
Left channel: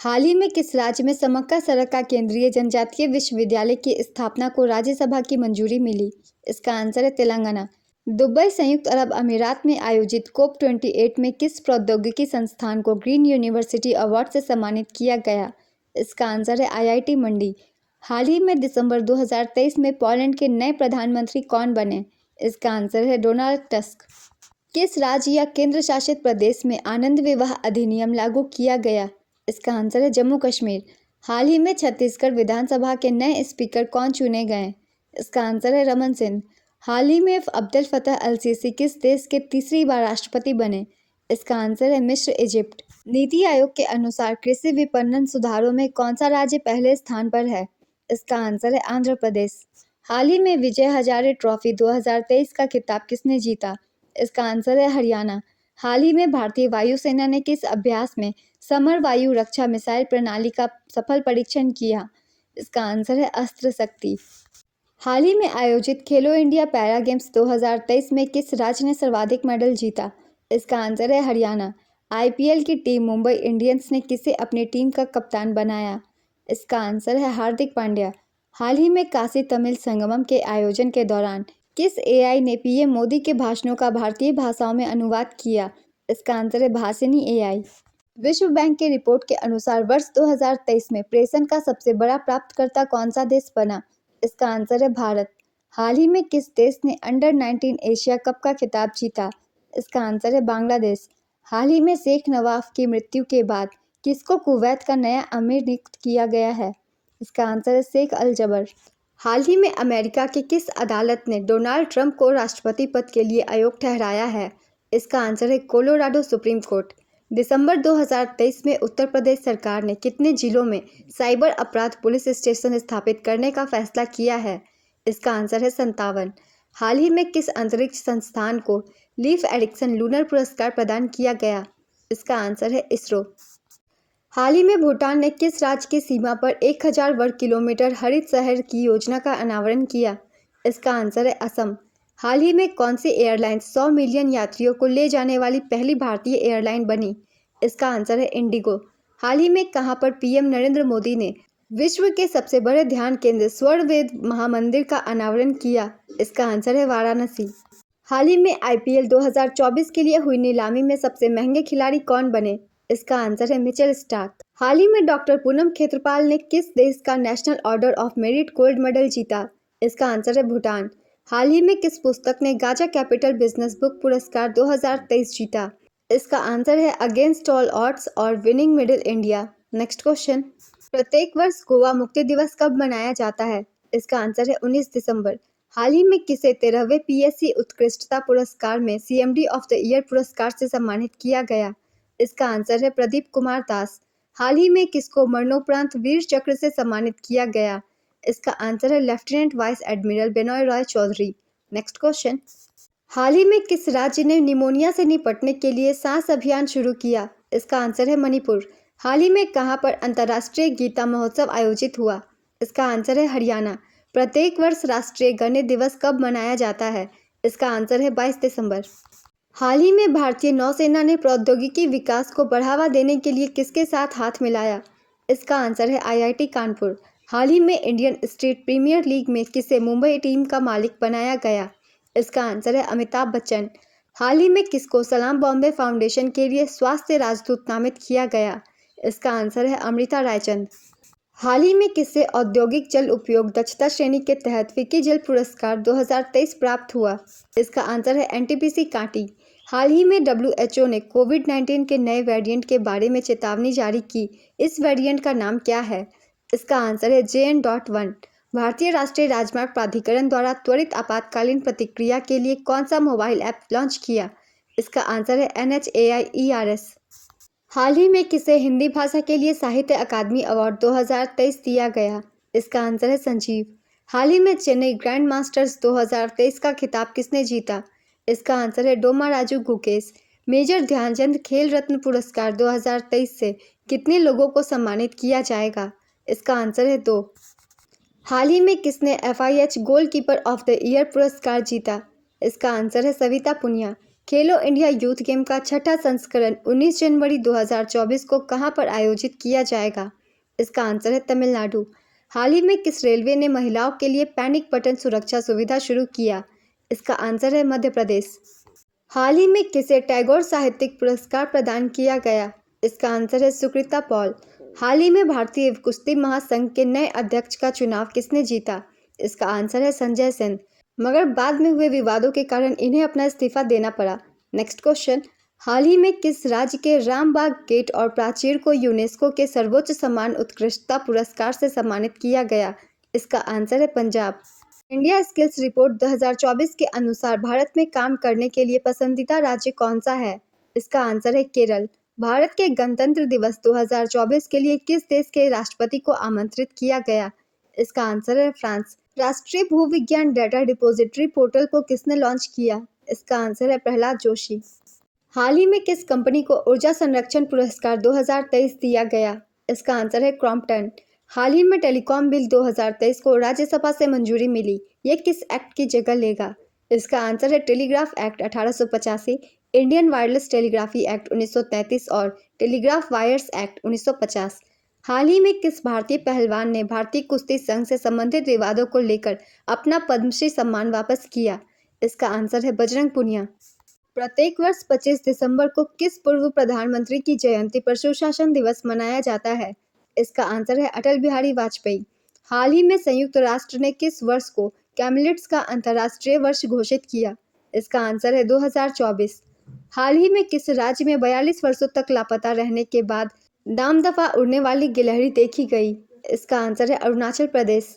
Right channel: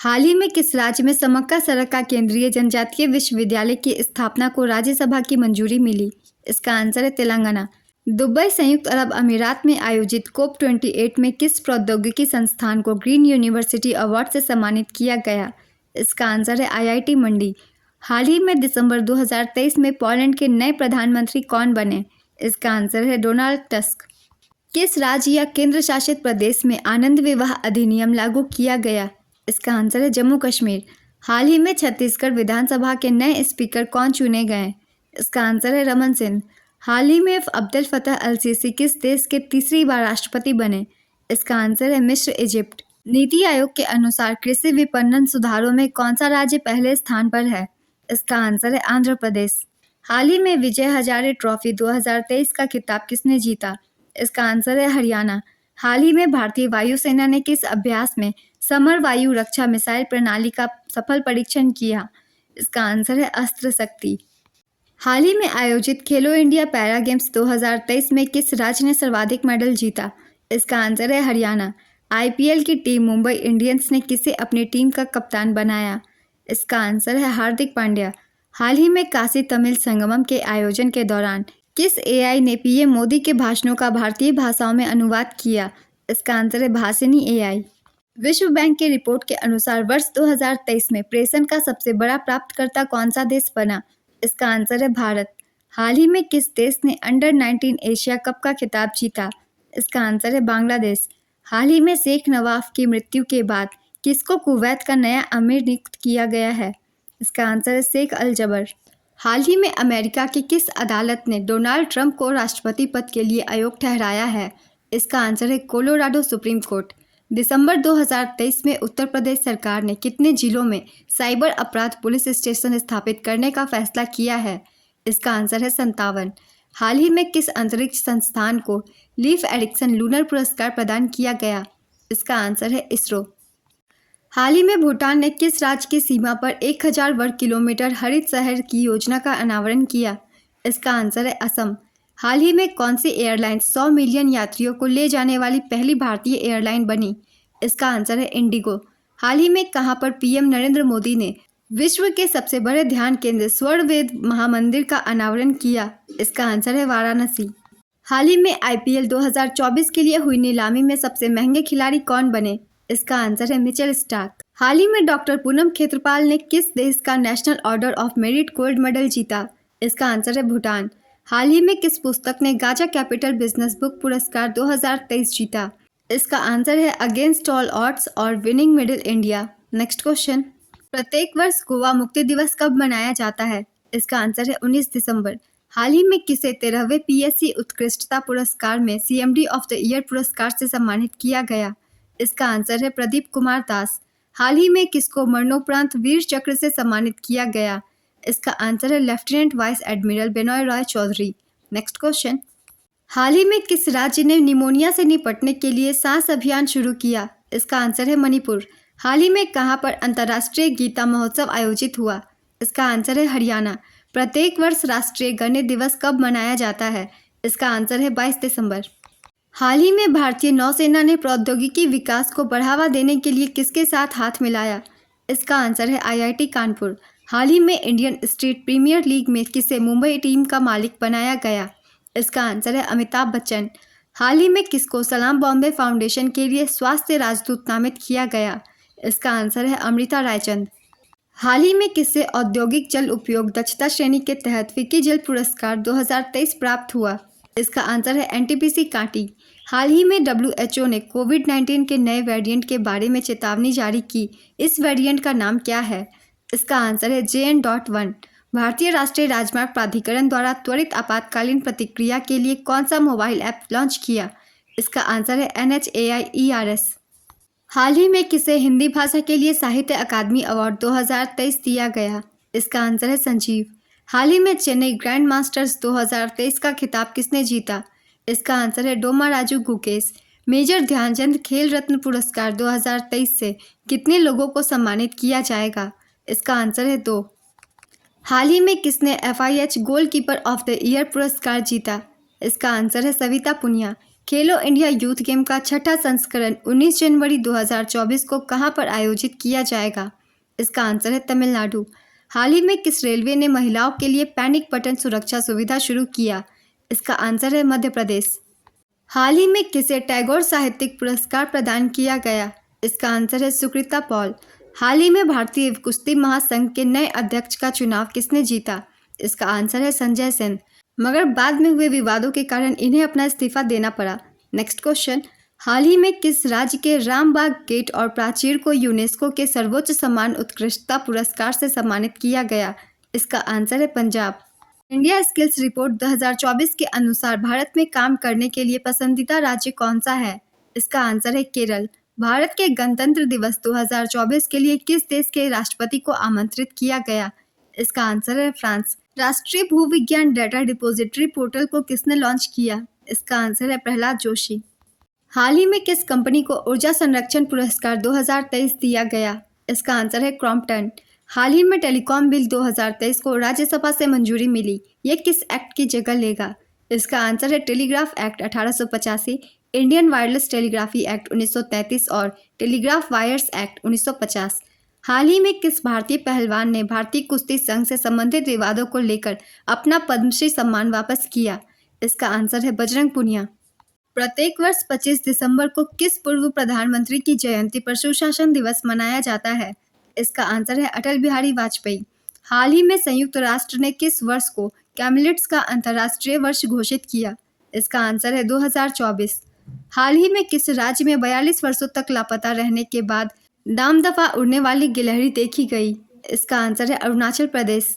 हाल ही में किस राज्य में समक्का सड़क का केंद्रीय जनजातीय विश्वविद्यालय की स्थापना को राज्यसभा की मंजूरी मिली? इसका आंसर है तेलंगाना। दुबई संयुक्त अरब अमीरात में आयोजित COP28 में किस प्रौद्योगिकी संस्थान को ग्रीन यूनिवर्सिटी अवार्ड से सम्मानित किया गया? इसका आंसर है IIT मंडी। हाल ही में दिसंबर 2023 में पोलैंड के नए प्रधानमंत्री कौन बने? इसका आंसर है डोनाल्ड टस्क। किस राज्य या केंद्र शासित प्रदेश में आनंद विवाह अधिनियम लागू किया गया? इसका आंसर है जम्मू कश्मीर। हाल ही में छत्तीसगढ़ विधानसभा के नए स्पीकर कौन चुने गए? इसका आंसर है रमन सिंह। हाल ही में अब्दुल फतह अल सीसी किस देश के तीसरी बार राष्ट्रपति बने? इसका आंसर है मिस्र इजिप्ट। नीति आयोग के अनुसार कृषि विपणन सुधारों में कौन सा राज्य पहले स्थान पर है? इसका आंसर है आंध्र प्रदेश। हाल ही में विजय हजारे ट्रॉफी 2023 का खिताब किसने जीता? इसका आंसर है हरियाणा। हाल ही में भारतीय वायुसेना ने किस अभ्यास में समर वायु रक्षा मिसाइल प्रणाली का सफल परीक्षण किया? इसका आंसर है अस्त्र शक्ति। हाल ही में आयोजित खेलो इंडिया पैरा गेम्स 2023 में किस राज्य ने सर्वाधिक मेडल जीता? इसका आंसर है हरियाणा। IPL की टीम मुंबई इंडियंस ने किसे अपनी टीम का कप्तान बनाया? इसका आंसर है हार्दिक पांड्या। हाल ही में काशी तमिल संगमम के आयोजन के दौरान किस AI ने PM मोदी के भाषणों का भारतीय भाषाओं में अनुवाद किया? इसका आंसर है भाषिनी AI। विश्व बैंक की रिपोर्ट के अनुसार वर्ष 2023 में प्रेषण का सबसे बड़ा प्राप्तकर्ता कौन सा देश बना? इसका आंसर है भारत। हाल ही में किस देश ने अंडर 19 एशिया कप का खिताब जीता? इसका आंसर है बांग्लादेश। हाल ही में शेख नवाफ की मृत्यु के बाद किसको कुवैत का नया अमीर नियुक्त किया गया है? इसका आंसर है शेख अल जबर। हाल ही में अमेरिका की किस अदालत ने डोनाल्ड ट्रंप को राष्ट्रपति पद के लिए अयोग्य ठहराया है? इसका आंसर है कोलोराडो सुप्रीम कोर्ट। दिसंबर 2023 में उत्तर प्रदेश सरकार ने कितने जिलों में साइबर अपराध पुलिस स्टेशन स्थापित करने का फैसला किया है? इसका आंसर है 57। हाल ही में किस अंतरिक्ष संस्थान को लीफ एरिक्सन लूनर पुरस्कार प्रदान किया गया? इसका आंसर है इसरो। हाल ही में भूटान ने किस राज्य की सीमा पर 1000 वर्ग किलोमीटर हरित शहर की योजना का अनावरण किया? इसका आंसर है असम। हाल ही में कौन सी एयरलाइन 100 मिलियन यात्रियों को ले जाने वाली पहली भारतीय एयरलाइन बनी? इसका आंसर है इंडिगो। हाल ही में कहां पर PM नरेंद्र मोदी ने विश्व के सबसे बड़े ध्यान केंद्र स्वर्णवेद महामंदिर का अनावरण किया? इसका आंसर है वाराणसी। हाल ही में आईपीएल 2024 के लिए हुई नीलामी में सबसे महंगे खिलाड़ी कौन बने? इसका आंसर है मिचेल स्टार्क। हाल ही में डॉक्टर पूनम खेत्रपाल ने किस देश का national order of merit gold medal जीता? इसका आंसर है भूटान। हाल ही में किस पुस्तक ने गाजा कैपिटल बिजनेस बुक पुरस्कार 2023 जीता? इसका आंसर है अगेंस्ट ऑल ऑड्स और winning middle India. Next question, प्रत्येक वर्ष गोवा मुक्ति दिवस कब मनाया जाता है? इसका आंसर है 19 दिसंबर। हाल ही में किसे 13वें पीएससी उत्कृष्टता पुरस्कार में सीएमडी ऑफ द ईयर पुरस्कार से सम्मानित किया गया? इसका आंसर है प्रदीप कुमार दास। हाल ही में किसको मरणोपरांत वीर चक्र से सम्मानित किया गया? इसका आंसर है lieutenant vice admiral Benoy Roy Chaudhary. Next question, हाल ही में किस राज्य ने निमोनिया से निपटने के लिए सांस अभियान शुरू किया? इसका आंसर है मणिपुर। हाल ही में कहां पर अंतर्राष्ट्रीय गीता महोत्सव आयोजित हुआ? इसका आंसर है हरियाणा। प्रत्येक वर्ष राष्ट्रीय गणित दिवस कब मनाया जाता है? इसका आंसर है 22 दिसंबर। हाल ही में भारतीय नौसेना ने प्रौद्योगिकी विकास को बढ़ावा देने के लिए किसके साथ हाथ मिलाया? इसका आंसर है आईआईटी कानपुर। हाल ही में इंडियन स्ट्रीट प्रीमियर लीग में किसे मुंबई टीम का मालिक बनाया गया? इसका आंसर है अमिताभ बच्चन। हाल ही में किसको सलाम बॉम्बे फाउंडेशन के लिए स्वास्थ्य राजदूत नामित किया गया? इसका आंसर है अमृता रायचंद। हाल ही में किसे औद्योगिक जल उपयोग दक्षता श्रेणी के तहत फिक्की जल पुरस्कार 2023 प्राप्त हुआ? इसका आंसर है एनटीपीसी कांटी। हाल ही में डब्ल्यूएचओ ने कोविड-19 के नए वेरिएंट के बारे में चेतावनी जारी की। इस वेरिएंट का नाम क्या है? इसका आंसर है JN.1। भारतीय राष्ट्रीय राजमार्ग प्राधिकरण द्वारा त्वरित आपातकालीन प्रतिक्रिया के लिए कौन सा मोबाइल ऐप लॉन्च किया? इसका आंसर है NHAI-ERS। हाल ही में किसे हिंदी भाषा के लिए साहित्य अकादमी अवार्ड 2023 दिया गया? इसका आंसर है संजीव। हाल ही में चेन्नई ग्रैंड मास्टर्स 2023 का खिताब किसने जीता? इसका आंसर है डोमा राजू गुकेश। मेजर ध्यानचंद खेल रत्न पुरस्कार 2023 से कितने लोगों को सम्मानित किया जाएगा? इसका आंसर है 2। हाल ही में किसने FIH goalkeeper of the year पुरस्कार जीता? इसका आंसर है सविता पुनिया। खेलो इंडिया यूथ गेम का छठा संस्करण 19 जनवरी 2024 को कहां पर आयोजित किया जाएगा? इसका आंसर है तमिलनाडु। हाल ही में किस रेलवे ने महिलाओं के लिए पैनिक बटन सुरक्षा सुविधा शुरू किया? इसका आंसर है मध्य प्रदेश। हाल ही में किसे टैगोर साहित्यिक पुरस्कार प्रदान किया गया? इसका आंसर है सुकृता पॉल। हाल ही में भारतीय कुश्ती महासंघ के नए अध्यक्ष का चुनाव किसने जीता? इसका आंसर है संजय सेन, मगर बाद में हुए विवादों के कारण इन्हें अपना इस्तीफा देना पड़ा। नेक्स्ट क्वेश्चन, हाल ही में किस राज्य के रामबाग गेट और प्राचीर को यूनेस्को के सर्वोच्च सम्मान उत्कृष्टता पुरस्कार से सम्मानित किया गया? इसका आंसर है पंजाब। इंडिया स्किल्स रिपोर्ट 2024 के अनुसार भारत में काम करने के लिए पसंदीदा राज्य कौन सा है? इसका आंसर है केरल। भारत के गणतंत्र दिवस 2024 के लिए किस देश के राष्ट्रपति को आमंत्रित किया गया? इसका आंसर है फ्रांस। राष्ट्रीय भूविज्ञान डेटा डिपॉजिटरी पोर्टल को किसने लॉन्च किया? इसका आंसर है प्रहलाद जोशी। हाल ही में किस कंपनी को ऊर्जा संरक्षण पुरस्कार 2023 दिया गया? इसका आंसर है क्रॉम्पटन। हाल ही में टेलीकॉम बिल 2023 को राज्यसभा से मंजूरी मिली। ये किस एक्ट की जगह लेगा? इसका आंसर है telegraph act 1885, Indian wireless telegraphy act 1933 और टेलीग्राफ वायर्स एक्ट 1950। हाल ही में किस भारतीय पहलवान ने भारतीय कुश्ती संघ से संबंधित विवादों को लेकर अपना पद्मश्री सम्मान वापस किया? इसका आंसर है बजरंग पुनिया। प्रत्येक वर्ष 25 दिसंबर को किस पूर्व प्रधानमंत्री की जयंती पर सुशासन दिवस मनाया जाता है? इसका आंसर है अटल बिहारी वाजपेयी। हाल ही में संयुक्त राष्ट्र ने किस वर्ष को कैमलिट्स का अंतर्राष्ट्रीय वर्ष घोषित किया? इसका आंसर है 2024। हाल ही में किस राज्य में 42 वर्षों तक लापता रहने के बाद दामदफा उड़ने वाली गिलहरी देखी गई? इसका आंसर है अरुणाचल प्रदेश।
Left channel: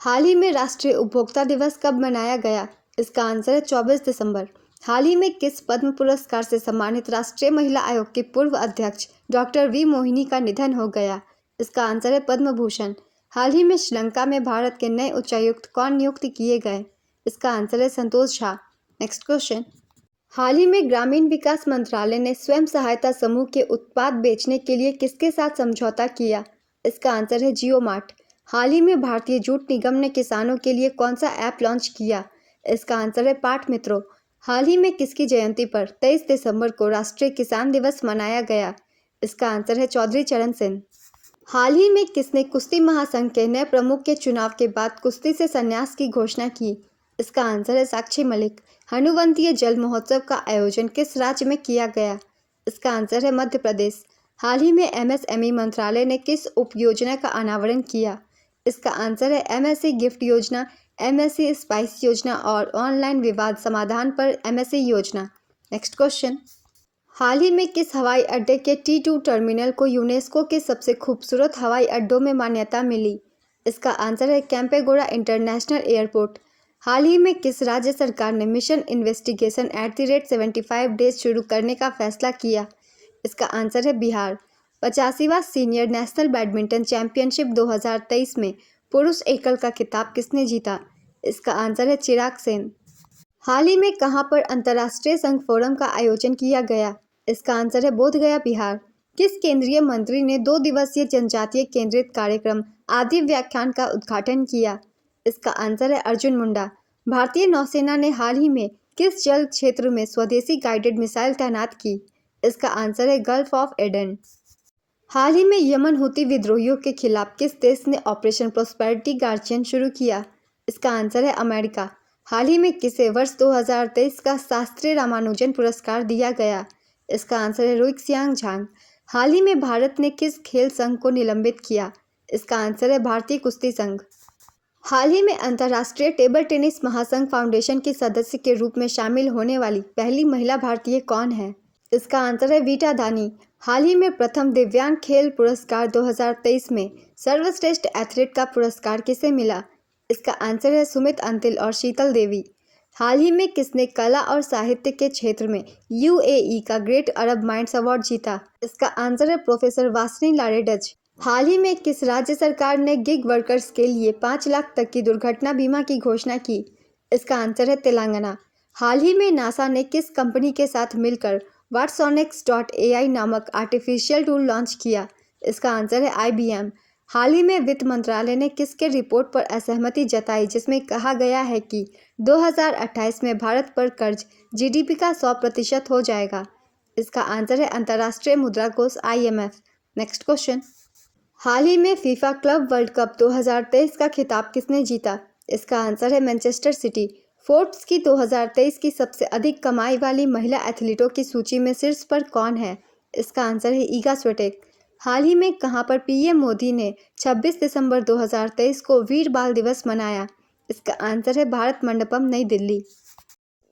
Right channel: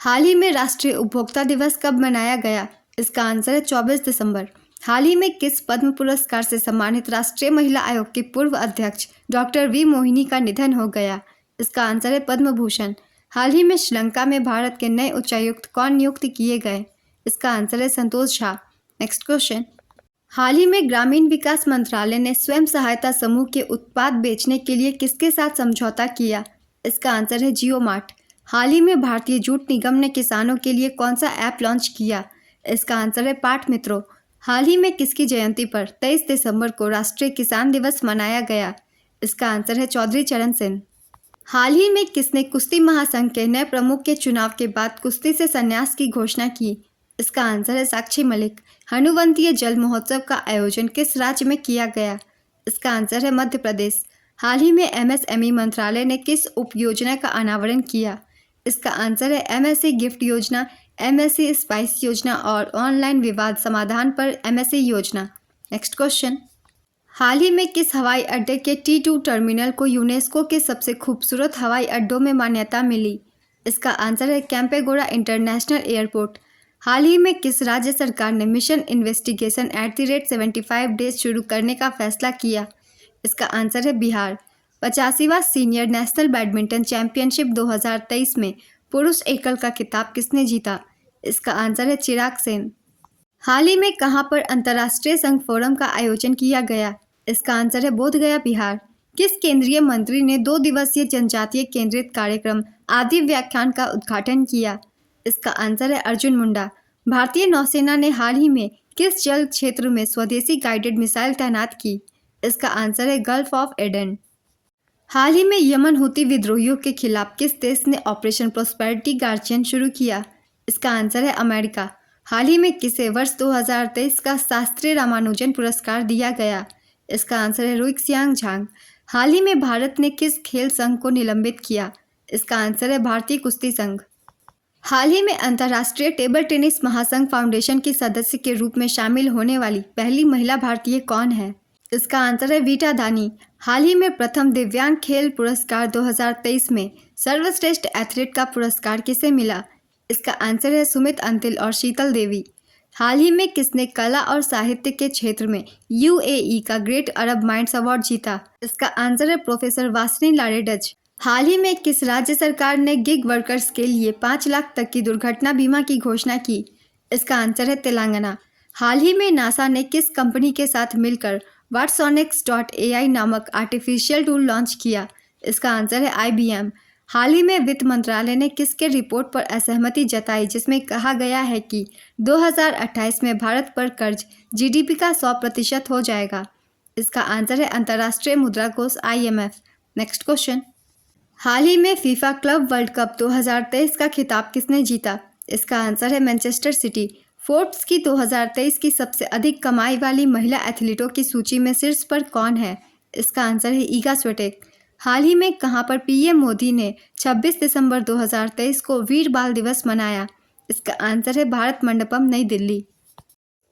हाल ही में राष्ट्रीय उपभोक्ता दिवस कब मनाया गया? इसका आंसर है 24 दिसंबर। हाल ही में किस पद्म पुरस्कार से सम्मानित राष्ट्रीय महिला आयोग की पूर्व अध्यक्ष डॉक्टर वी मोहिनी का निधन हो गया? इसका आंसर है पद्म भूषण। हाल ही में श्रीलंका में भारत के नए उच्चायुक्त कौन नियुक्त किए गए? इसका आंसर है संतोष झा। नेक्स्ट क्वेश्चन, हाल ही में ग्रामीण विकास मंत्रालय ने स्वयं सहायता समूह के उत्पाद बेचने के लिए किसके साथ समझौता किया? इसका आंसर है जियो मार्ट। हाल ही में भारतीय जूट निगम ने किसानों के लिए कौन सा ऐप लॉन्च किया? इसका आंसर है पाठ मित्रों। हाल ही में किसकी जयंती पर 23 दिसंबर को राष्ट्रीय किसान दिवस मनाया गया? इसका आंसर है चौधरी चरण सिंह। हाल ही में किसने कुश्ती महासंघ के नए प्रमुख के चुनाव के बाद कुश्ती से संन्यास की घोषणा की? इसका आंसर है साक्षी मलिक। हनुवंतीय जल महोत्सव का आयोजन किस राज्य में किया गया? इसका आंसर है मध्य प्रदेश। हाल ही में एमएसएमई मंत्रालय ने किस उपयोजना का अनावरण किया? इसका आंसर है एमएससी गिफ्ट योजना, एमएससी स्पाइस योजना और ऑनलाइन विवाद समाधान पर एमएससी योजना। नेक्स्ट क्वेश्चन, हाल ही में किस हवाई अड्डे के T2 टर्मिनल को यूनेस्को के सबसे खूबसूरत हवाई अड्डों में मान्यता मिली? इसका आंसर है कैंपेगोड़ा इंटरनेशनल एयरपोर्ट। हाल ही में किस राज्य सरकार ने मिशन इन्वेस्टिगेशन @75 डेज शुरू करने का फैसला किया? इसका आंसर है बिहार। 85वां सीनियर नेशनल बैडमिंटन चैंपियनशिप 2023 में पुरुष एकल का खिताब किसने जीता? इसका आंसर है चिराग सेन। हाल ही में कहां पर अंतर्राष्ट्रीय संघ फोरम का आयोजन किया गया? इसका आंसर है बोधगया, बिहार। किस केंद्रीय मंत्री ने 2 दिवसीय जनजातीय केंद्रित कार्यक्रम आदि व्याख्यान का उद्घाटन किया? इसका आंसर है अर्जुन मुंडा। भारतीय नौसेना ने हाल ही में किस जल क्षेत्र में स्वदेशी गाइडेड मिसाइल तैनात की? इसका आंसर है गल्फ ऑफ एडन। हाल ही में यमन हुती विद्रोहियों के खिलाफ किस देश ने ऑपरेशन प्रोस्पेरिटी गार्जियन शुरू किया? इसका आंसर है अमेरिका। हाल ही में किसे वर्ष 2023 का शास्त्रीय रामानुजन पुरस्कार दिया गया? इसका आंसर है रुइक्सियांग झांग। हाल ही में भारत ने किस खेल संघ को निलंबित किया? इसका आंसर है भारतीय कुश्ती संघ। हाल ही में अंतर्राष्ट्रीय टेबल टेनिस महासंघ फाउंडेशन की सदस्य के रूप में शामिल होने वाली पहली महिला भारतीय कौन है? इसका आंसर है वीटा दानी। हाल ही में प्रथम दिव्यांग खेल पुरस्कार 2023 में सर्वश्रेष्ठ एथलीट का पुरस्कार किसे मिला? इसका आंसर है सुमित अंतिल और शीतल देवी। हाल ही में किसने कला और साहित्य के क्षेत्र में यूएई का ग्रेट अरब माइंड्स अवार्ड जीता? इसका आंसर है प्रोफेसर वासनी लारेडज। हाल ही में किस राज्य सरकार ने गिग वर्कर्स के लिए 5 लाख तक की दुर्घटना बीमा की घोषणा की? इसका आंसर है तेलंगाना। हाल ही में नासा ने किस कंपनी के साथ मिलकर Watsonics.ai नामक आर्टिफिशियल टूल लॉन्च किया? इसका आंसर है IBM। हाल ही में वित्त मंत्रालय ने किसके रिपोर्ट पर असहमति जताई जिसमें कहा गया है कि 2028 में भारत पर कर्ज जीडीपी का 100% हो जाएगा? इसका आंसर है अंतर्राष्ट्रीय मुद्रा कोष IMF। नेक्स्ट क्वेश्चन, हाल ही में फीफा क्लब वर्ल्ड कप 2023 का खिताब किसने जीता? इसका आंसर है मैनचेस्टर सिटी। फोर्ब्स की 2023 की सबसे अधिक कमाई वाली महिला एथलीटों की सूची में शीर्ष पर कौन है? इसका आंसर है ईगा स्विटेक। हाल ही में कहां पर पीएम मोदी ने 26 दिसंबर 2023 को वीर बाल दिवस मनाया? इसका आंसर है भारत मंडपम, नई दिल्ली।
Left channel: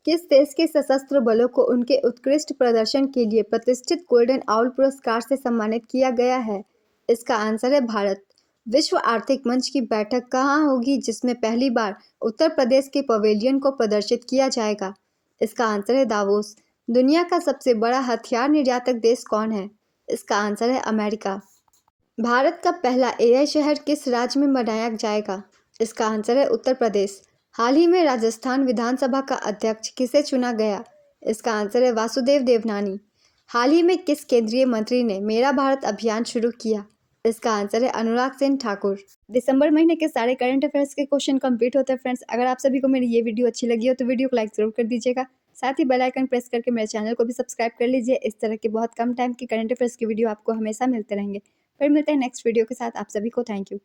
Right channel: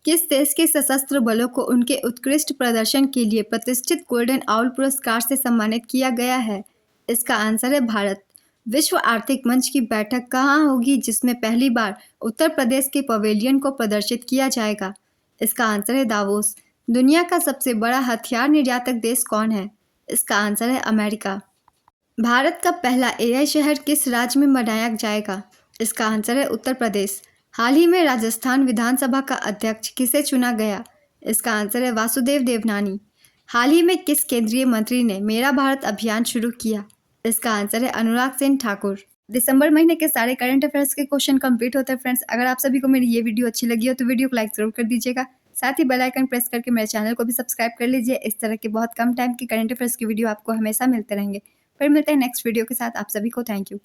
किस देश के सशस्त्र बलों को उनके उत्कृष्ट प्रदर्शन के लिए प्रतिष्ठित गोल्डन आउल पुरस्कार से सम्मानित किया गया है? इसका आंसर है भारत। विश्व आर्थिक मंच की बैठक कहाँ होगी जिसमें पहली बार उत्तर प्रदेश के पवेलियन को प्रदर्शित किया जाएगा? इसका आंसर है दावोस। दुनिया का सबसे बड़ा हथियार निर्यातक देश कौन है? इसका आंसर है अमेरिका। भारत का पहला AI शहर किस राज्य में बनाया जाएगा? इसका आंसर है उत्तर प्रदेश। हाल ही में राजस्थान विधानसभा का अध्यक्ष किसे चुना गया? इसका आंसर है वासुदेव देवनानी। हाल ही में किस केंद्रीय मंत्री ने मेरा भारत अभियान शुरू किया? इसका आंसर है अनुराग सिंह ठाकुर। दिसंबर महीने के सारे करंट अफेयर्स के क्वेश्चन कंप्लीट होते हैं फ्रेंड्स। अगर आप सभी को मेरी ये वीडियो अच्छी लगी हो तो वीडियो को लाइक जरूर कर दीजिएगा। साथ ही बेल आइकन प्रेस करके मेरे चैनल को भी सब्सक्राइब कर लीजिए। इस तरह के बहुत कम टाइम की करंट अफेयर्स की वीडियो आपको हमेशा मिलते रहेंगे। फिर मिलते हैं नेक्स्ट वीडियो के साथ। आप सभी को थैंक यू।